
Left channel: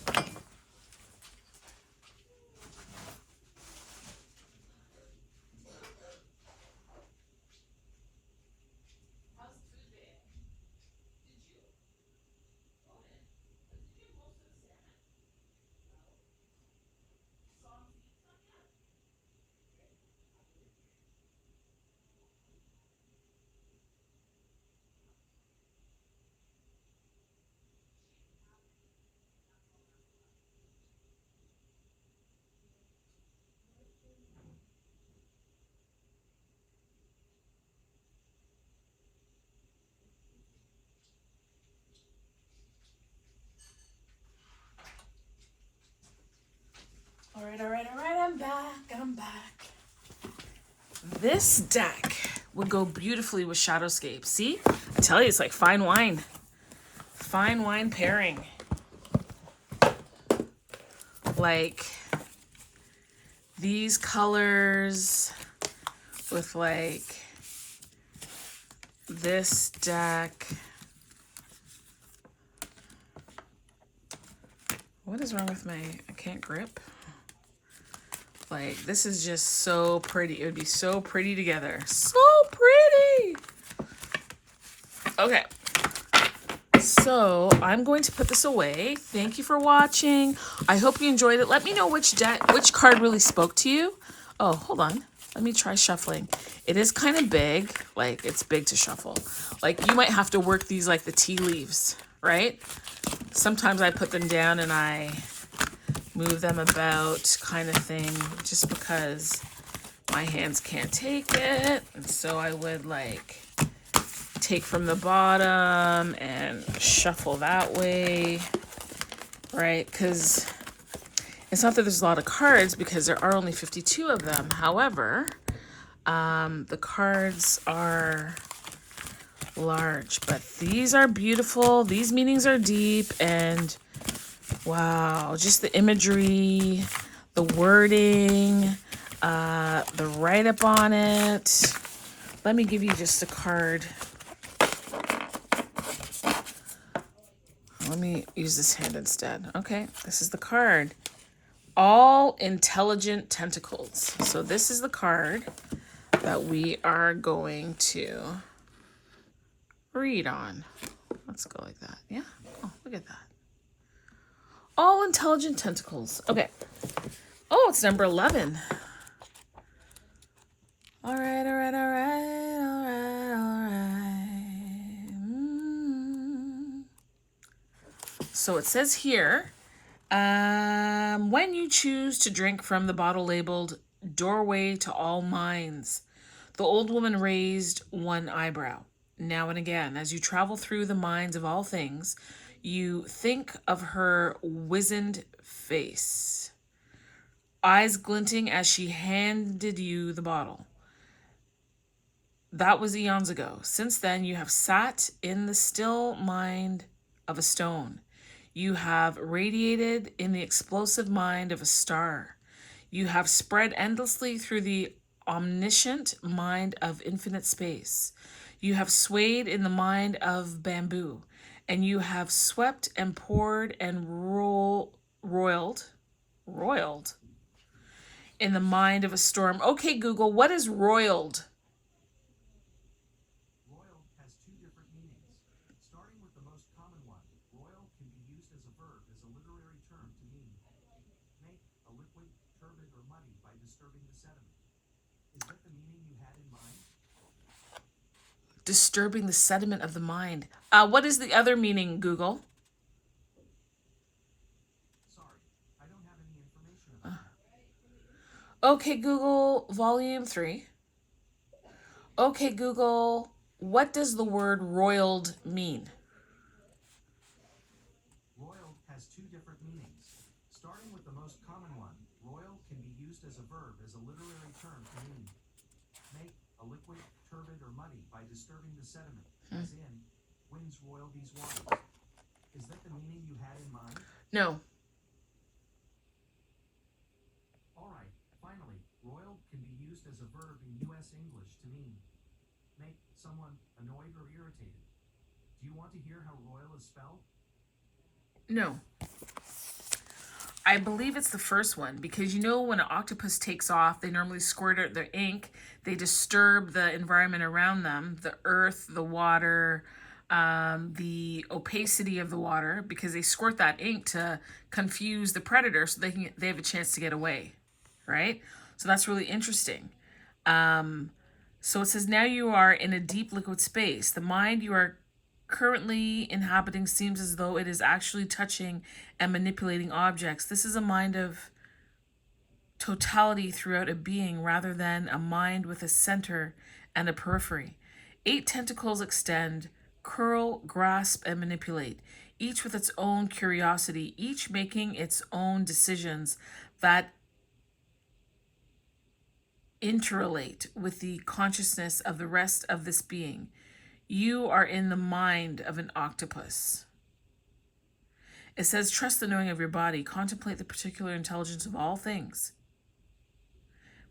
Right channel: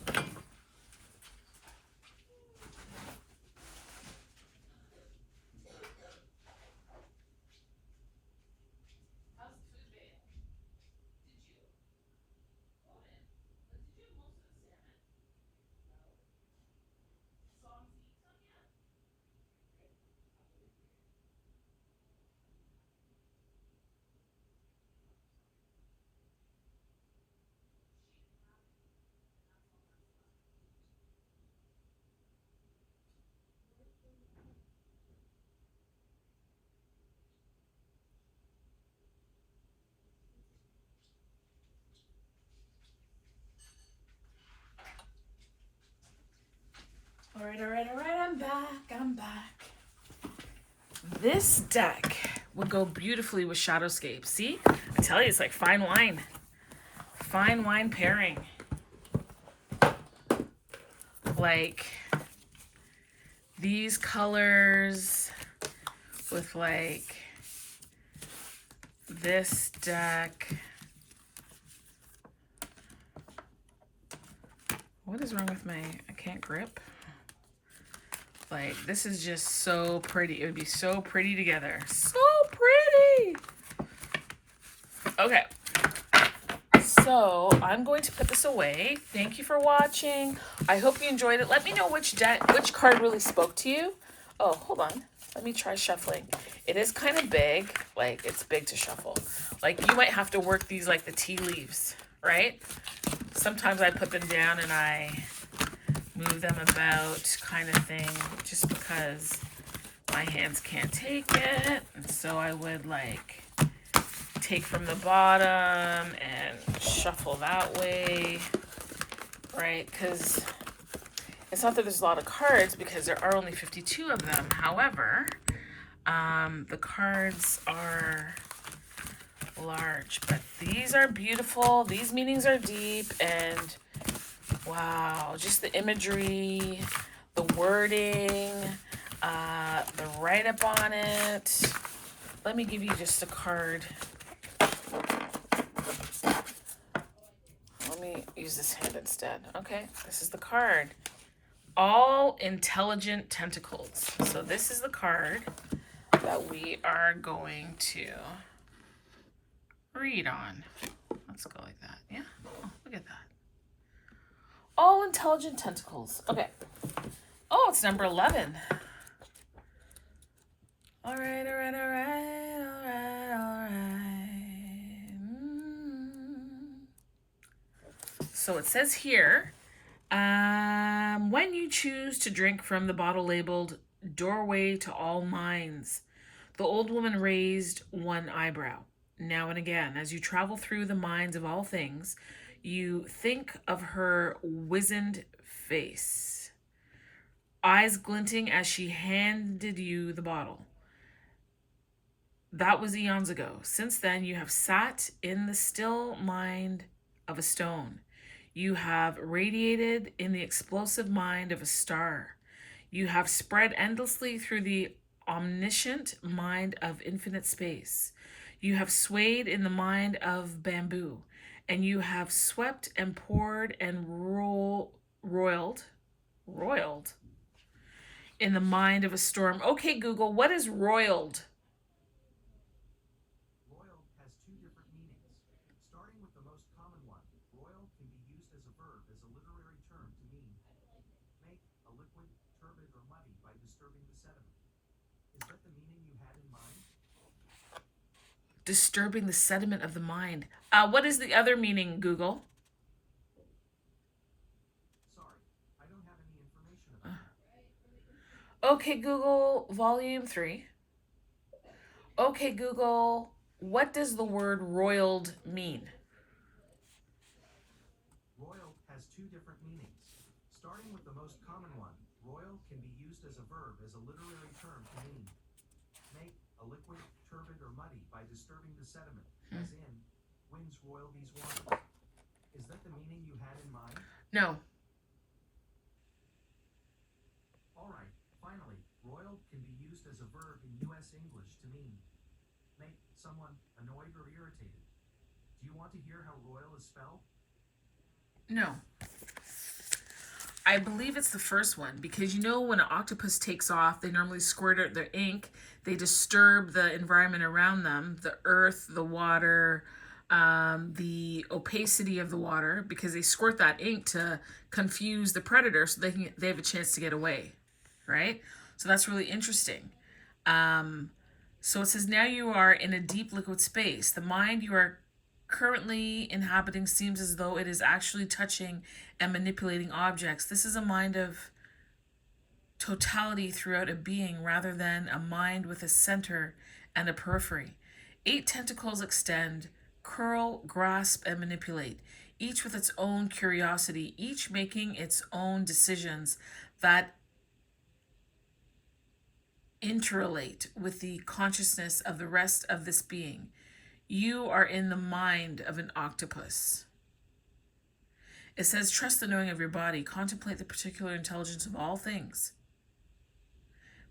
All right, I'm back. This deck would go beautifully with Shadowscape. See? I tell you, it's like fine wine. Fine wine pairing. Like these colors with like this deck. What is wrong with I can't grip? Like, this is just so pretty. It would be so pretty together. So pretty! Okay. So, I'm going to put this away. Thank you for watching. I hope you enjoyed it. Let me know which card really spoke to you. Oh, hold on. Let me try shuffling. It is kind of big. Like, it's big to shuffle. Like, you might have to work these like the tea leaves, right? Sometimes I put them down and I move them about kind of thing, just because my hands can't take it. And so I would like take from the bottom and shuffle that way, right? Because it's not that there's a lot of cards, because there are only 52 of them. However, the cards are large, but these are beautiful. These meanings are deep, and wow, just the imagery, the wording, the write-up on it. Let me give you just a card. Let me use this hand instead. Okay, this is the card. All Intelligent Tentacles. So this is the card that we are going to read on. Let's go like that. Yeah? Oh, look at that. All Intelligent Tentacles. Okay. Oh, it's number 11. All right. So it says here, when you choose to drink from the bottle labeled Doorway to All Minds, the old woman raised one eyebrow. Now and again, as you travel through the minds of all things, you think of her wizened face, eyes glinting as she handed you the bottle. That was eons ago. Since then, you have sat in the still mind of a stone. You have radiated in the explosive mind of a star. You have spread endlessly through the omniscient mind of infinite space. You have swayed in the mind of bamboo, and you have swept and poured and roiled in the mind of a storm. Okay, Google, what is roiled? Roiled has two different meanings. Starting with the most common one, roiled can be used as a verb as a literary term to mean make a liquid, turbid, or muddy by disturbing the sediment. Is that the meaning you had in mind? Disturbing the sediment of the mind. What is the other meaning, Google? Sorry, I don't have any information about that. Okay, Google, volume 3. Okay, Google, what does the word roiled mean? Roiled has two different meanings. Starting with the most common one, roiled can be used as a verb as a literary term to mean make a liquid, turbid, or muddy by disturbing the sediment, as in winds roil these waters. Is that the meaning you had in mind? No. Alright, finally, roiled can be used as a verb in US English to mean make someone annoyed or irritated. Do you want to hear how royal is spelled? No. I believe it's the first one because you know when an octopus takes off, they normally squirt out their ink. They disturb the environment around them, the earth, the water, the opacity of the water, because they squirt that ink to confuse the predator so they have a chance to get away, right? So that's really interesting. So it says now you are in a deep liquid space. The mind you are currently inhabiting seems as though it is actually touching and manipulating objects. This is a mind of totality throughout a being rather than a mind with a center and a periphery. 8 tentacles extend, curl, grasp, and manipulate, each with its own curiosity, each making its own decisions that interrelate with the consciousness of the rest of this being. You are in the mind of an octopus. It says, trust the knowing of your body. Contemplate the particular intelligence of all things.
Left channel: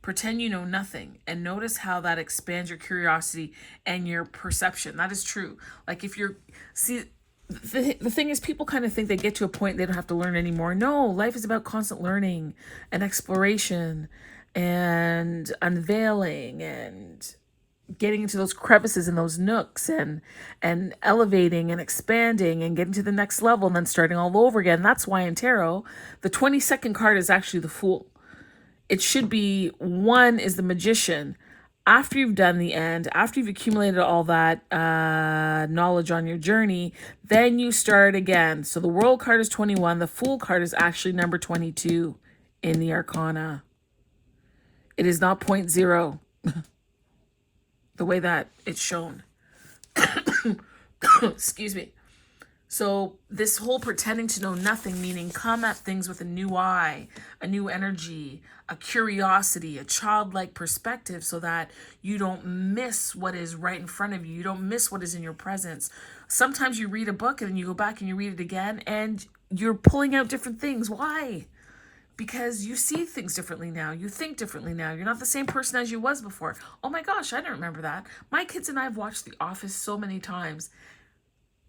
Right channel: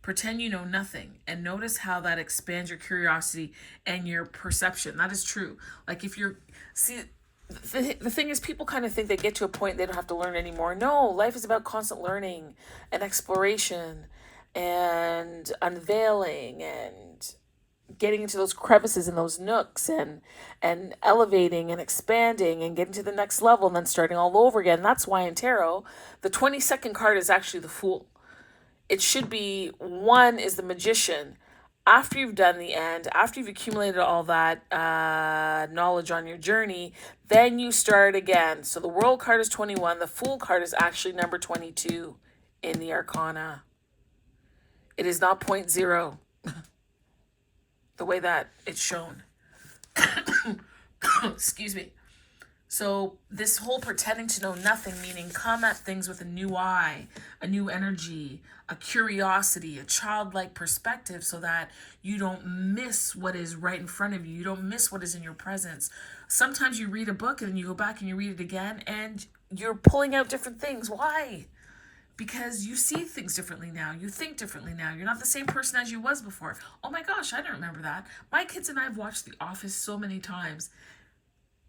Pretend you know nothing and notice how that expands your curiosity and your perception. That is true. Like if you're, see, the thing is people kind of think they get to a point and they don't have to learn anymore. No, life is about constant learning and exploration and unveiling and getting into those crevices and those nooks and elevating and expanding and getting to the next level and then starting all over again. That's why in tarot, the 22nd card is actually the Fool. It should be 1 is the Magician. After you've done the end, after you've accumulated all that knowledge on your journey, then you start again. So the World card is 21. The Fool card is actually number 22 in the Arcana. It is not 0. The way that it's shown. Excuse me. So this whole pretending to know nothing, meaning come at things with a new eye, a new energy, a curiosity, a childlike perspective so that you don't miss what is right in front of you. You don't miss what is in your presence. Sometimes you read a book and then you go back and you read it again and you're pulling out different things. Why? Because you see things differently now. You think differently now. You're not the same person as you was before. Oh my gosh, I don't remember that. My kids and I have watched The Office so many times.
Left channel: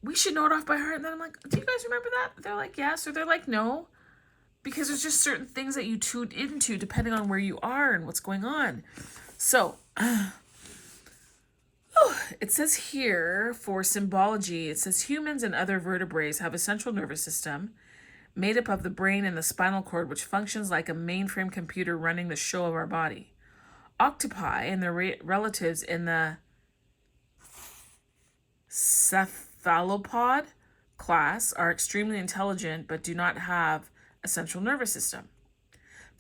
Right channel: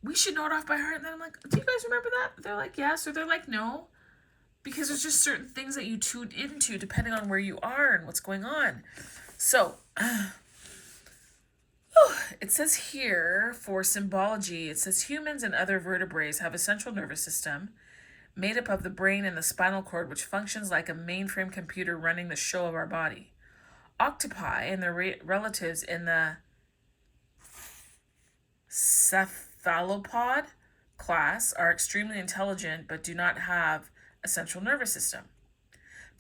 We should know it off by heart. And then I'm like, do you guys remember that? They're like, yes. Or they're like, no. Because there's just certain things that you tune into depending on where you are and what's going on. So, it says here for symbology, it says humans and other vertebrates have a central nervous system made up of the brain and the spinal cord, which functions like a mainframe computer running the show of our body. Octopi and their relatives in the cephalopod class are extremely intelligent but do not have a central nervous system.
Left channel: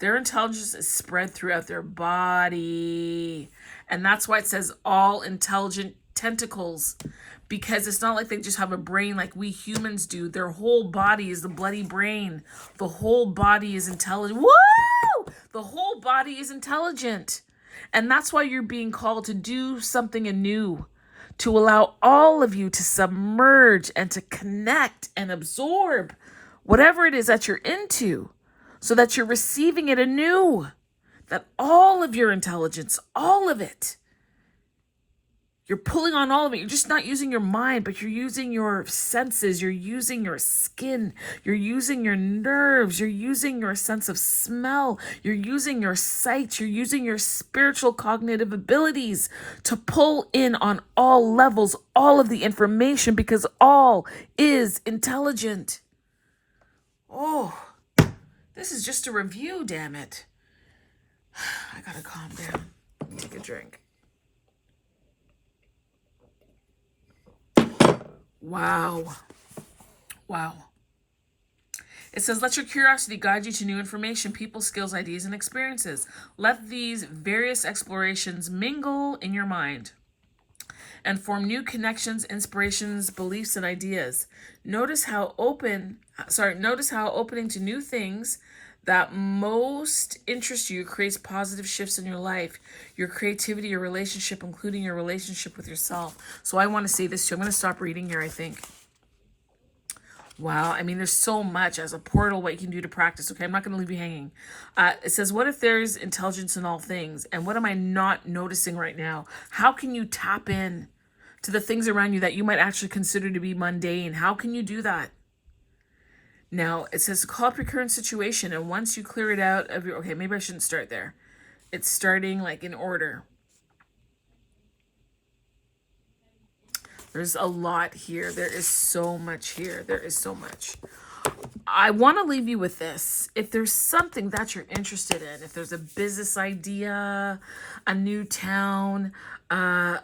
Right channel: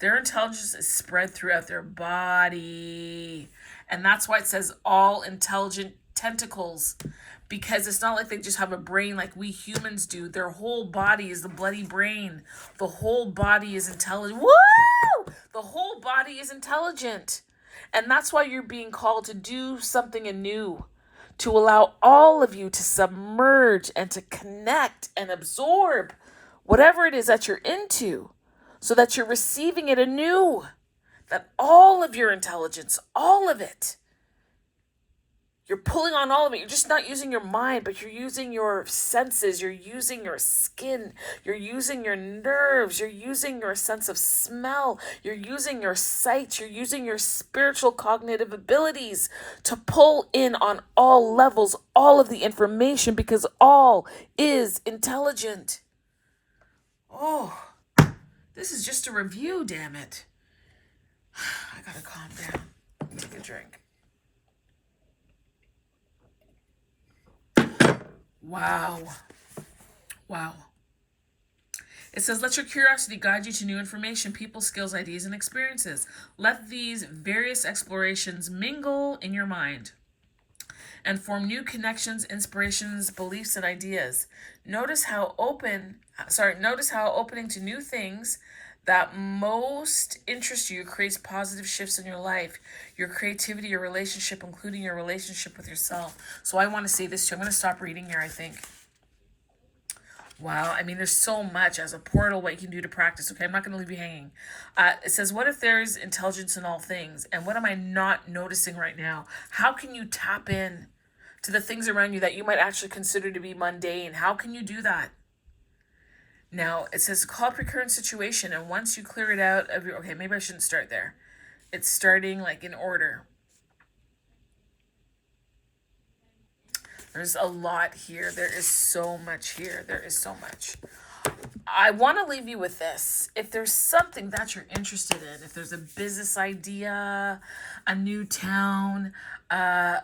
Their intelligence is spread throughout their body. And that's why it says all intelligent tentacles. Because it's not like they just have a brain like we humans do. Their whole body is the bloody brain. The whole body is intelligent. Woo! The whole body is intelligent. And that's why you're being called to do something anew. To allow all of you to submerge and to connect and absorb whatever it is that you're into. So that you're receiving it anew. That all of your intelligence, all of it, you're pulling on all of it. You're just not using your mind, but you're using your senses. You're using your skin. You're using your nerves. You're using your sense of smell. You're using your sight. You're using your spiritual cognitive abilities to pull in on all levels, all of the information, because all is intelligent. Oh, this is just a review, damn it. I gotta calm down. Take a drink. Wow. It says, let your curiosity guide you to new information, people, skills, ideas, and experiences. Let these various explorations mingle in your mind and form new connections, inspirations, beliefs, and ideas. Notice how opening to new things that most interest you creates positive shifts in your life, your creativity, your relationship, including your relationship with yourself. So I want to say this too. I'm going to stop reading here, I think. Wow. I mean, there's so much as a portal, what you can do to practice. Okay. I'm not going to leave you hanging. It says, what if there's intelligence in all things? And what am I not noticing right now? How can you tap in to the things around you that you might actually consider to be mundane. How can you do that? Now, it says call up your current situation, and once you clear it out of your... Okay, maybe I shouldn't start there. It's starting like in order. There's a lot here. There is so much here. There is so much. I want to leave you with this. If there's something that you're interested in, if there's a business idea, a new town, a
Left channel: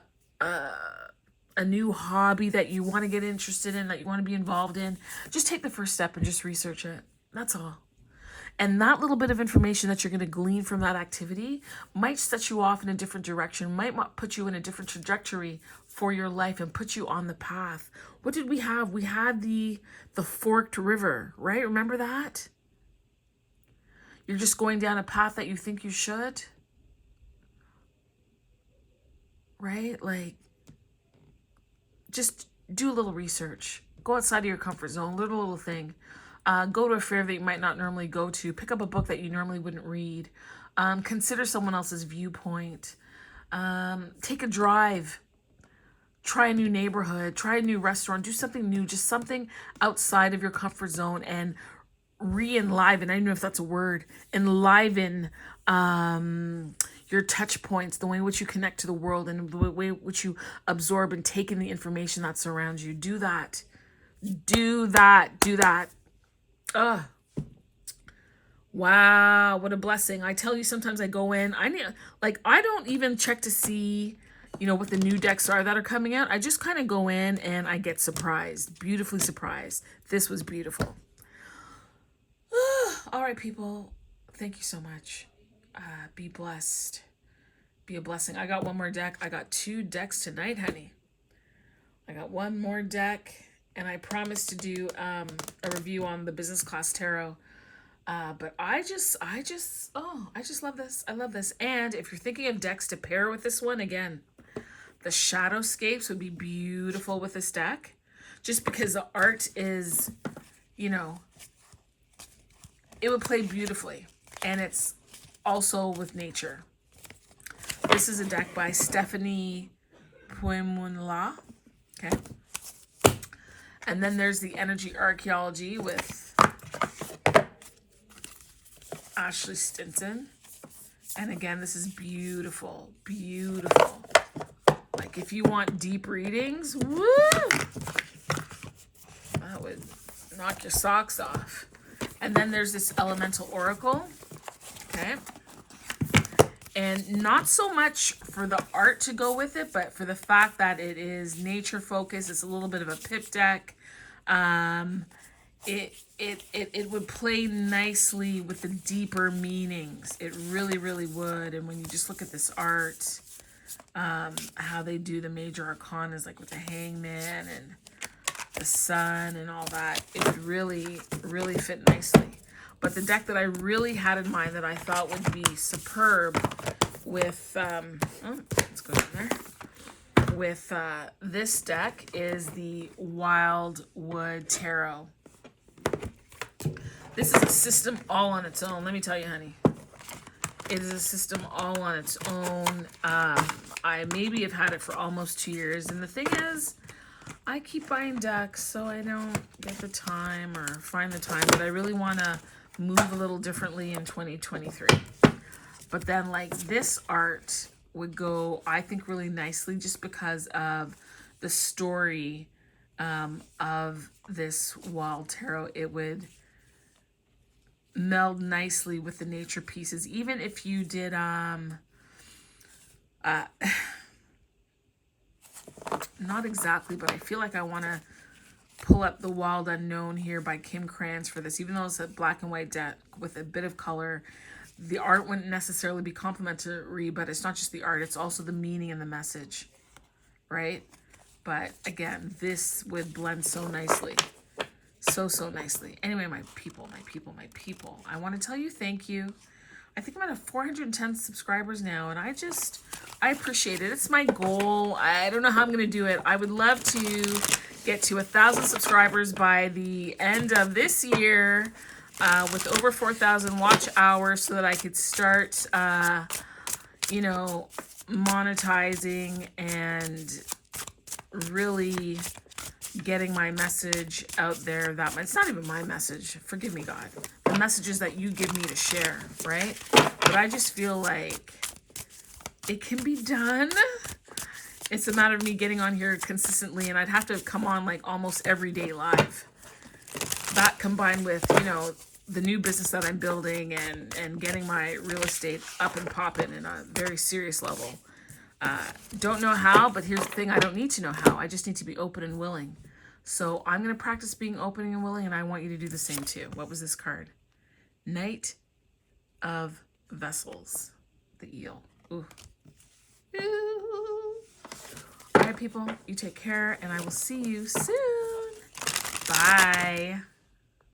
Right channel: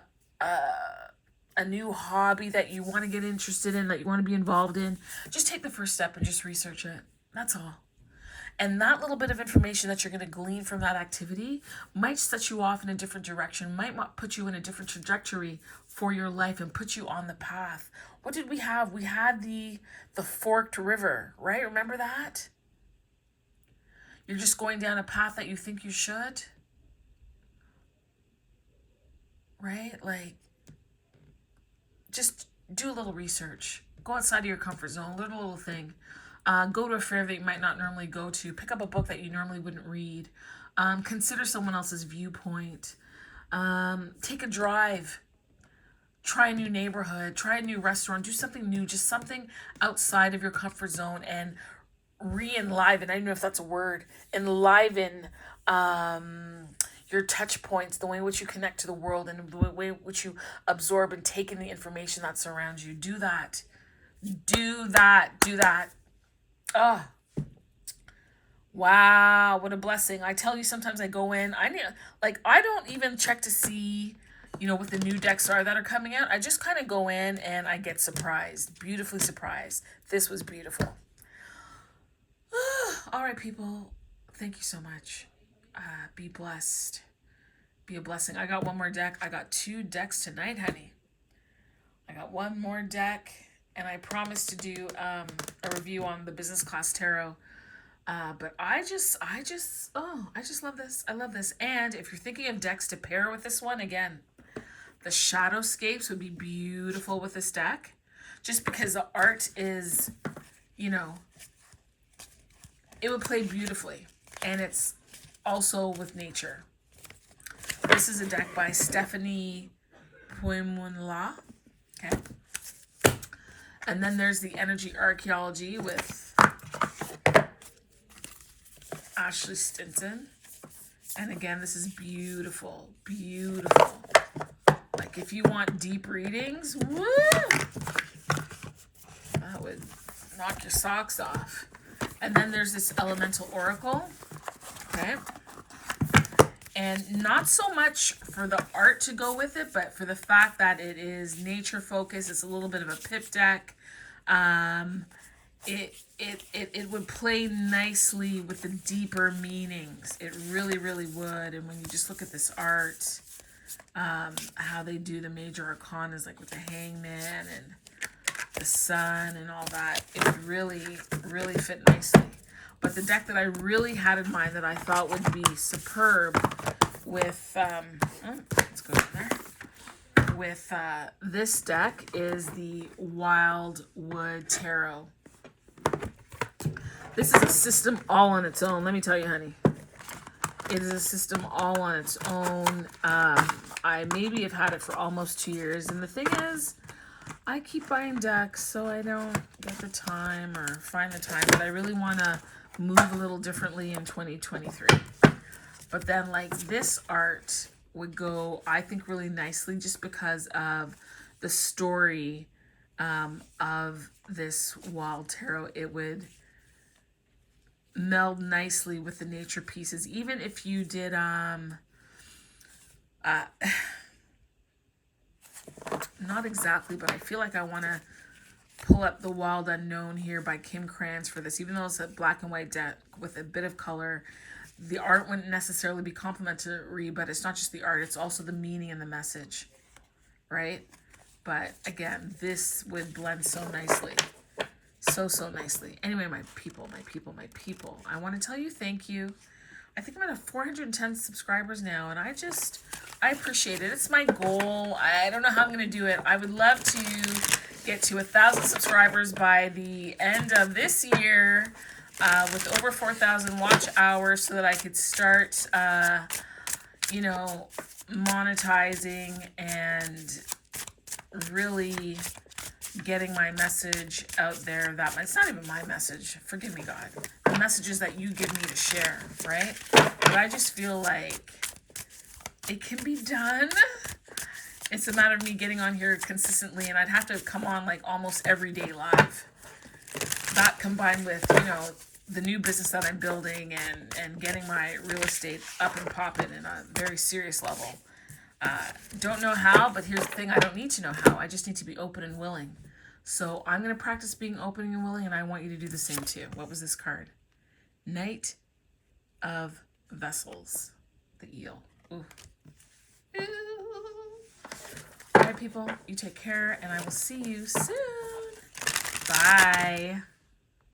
new hobby that you want to get interested in, that you want to be involved in, just take the first step and just research it. That's all. And that little bit of information that you're going to glean from that activity might set you off in a different direction, might put you in a different trajectory for your life and put you on the path. What did we have? We had the forked river, right? Remember that? You're just going down a path that you think you should, right? Like, just do a little research. Go outside of your comfort zone, little thing. Go to a fair that you might not normally go to. Pick up a book that you normally wouldn't read. Consider someone else's viewpoint. Take a drive. Try a new neighborhood. Try a new restaurant. Do something new. Just something outside of your comfort zone and re-enliven. I don't know if that's a word. Enliven your touch points, the way in which you connect to the world and the way in which you absorb and take in the information that surrounds you. Do that. Do that. Do that. Oh, wow, what a blessing. I tell you, sometimes I go in, I don't even check to see, what the new decks are that are coming out. I just kind of go in and I get surprised, beautifully surprised. This was beautiful. All right, people, thank you so much. Be blessed. Be a blessing. I got one more deck. I got 2 decks tonight, honey. I got one more deck. And I promised to do a review on the business class tarot. But I just love this. I love this. And if you're thinking of decks to pair with this one, again, the Shadowscapes would be beautiful with this deck. Just because the art is, it would play beautifully. And it's also with nature. This is a deck by Stephanie Puimunla. Okay. And then there's the Energy Archaeology with Ashley Stinson. And again, this is beautiful, beautiful. Like if you want deep readings, woo! That would knock your socks off. And then there's this Elemental Oracle. Okay. And not so much for the art to go with it, but for the fact that it is nature focused. It's a little bit of a pip deck. It would play nicely with the deeper meanings. It really, really would. And when you just look at this art, how they do the major arcanas, like with the Hangman and the Sun and all that, it would really, really fit nicely. But the deck that I really had in mind that I thought would be superb with, let's go in there. With this deck is the Wildwood Tarot. This is a system all on its own. Let me tell you, honey. It is a system all on its own. I maybe have had it for almost 2 years. And the thing is, I keep buying decks, so I don't get the time or find the time. But I really want to move a little differently in 2023. But then like this art would go, I think, really nicely just because of the story of this Wild Tarot. It would meld nicely with the nature pieces. Even if you did not exactly, but I feel like I want to pull up The Wild Unknown here by Kim Krans for this. Even though it's a black and white deck with a bit of color, the art wouldn't necessarily be complimentary, but it's not just the art, it's also the meaning and the message, right? But again, this would blend so nicely. So nicely. Anyway, my people, I want to tell you thank you. I think I'm at 410 subscribers now, and I appreciate it. It's my goal. I don't know how I'm going to do it. I would love to get to 1,000 subscribers by the end of this year, with over 4,000 watch hours, so that I could start, monetizing and really getting my message out there that it's not even my message. Forgive me, God. The messages that you give me to share, right? But I just feel like it can be done. It's a matter of me getting on here consistently, and I'd have to come on like almost every day live. That combined with, you know, the new business that I'm building and getting my real estate up and popping in a very serious level. Don't know how, but here's the thing. I don't need to know how. I just need to be open and willing. So I'm going to practice being open and willing, and I want you to do the same too. What was this card? Knight of Vessels. The eel. Ooh. Ooh. All right, people. You take care, and I will see you soon. Bye.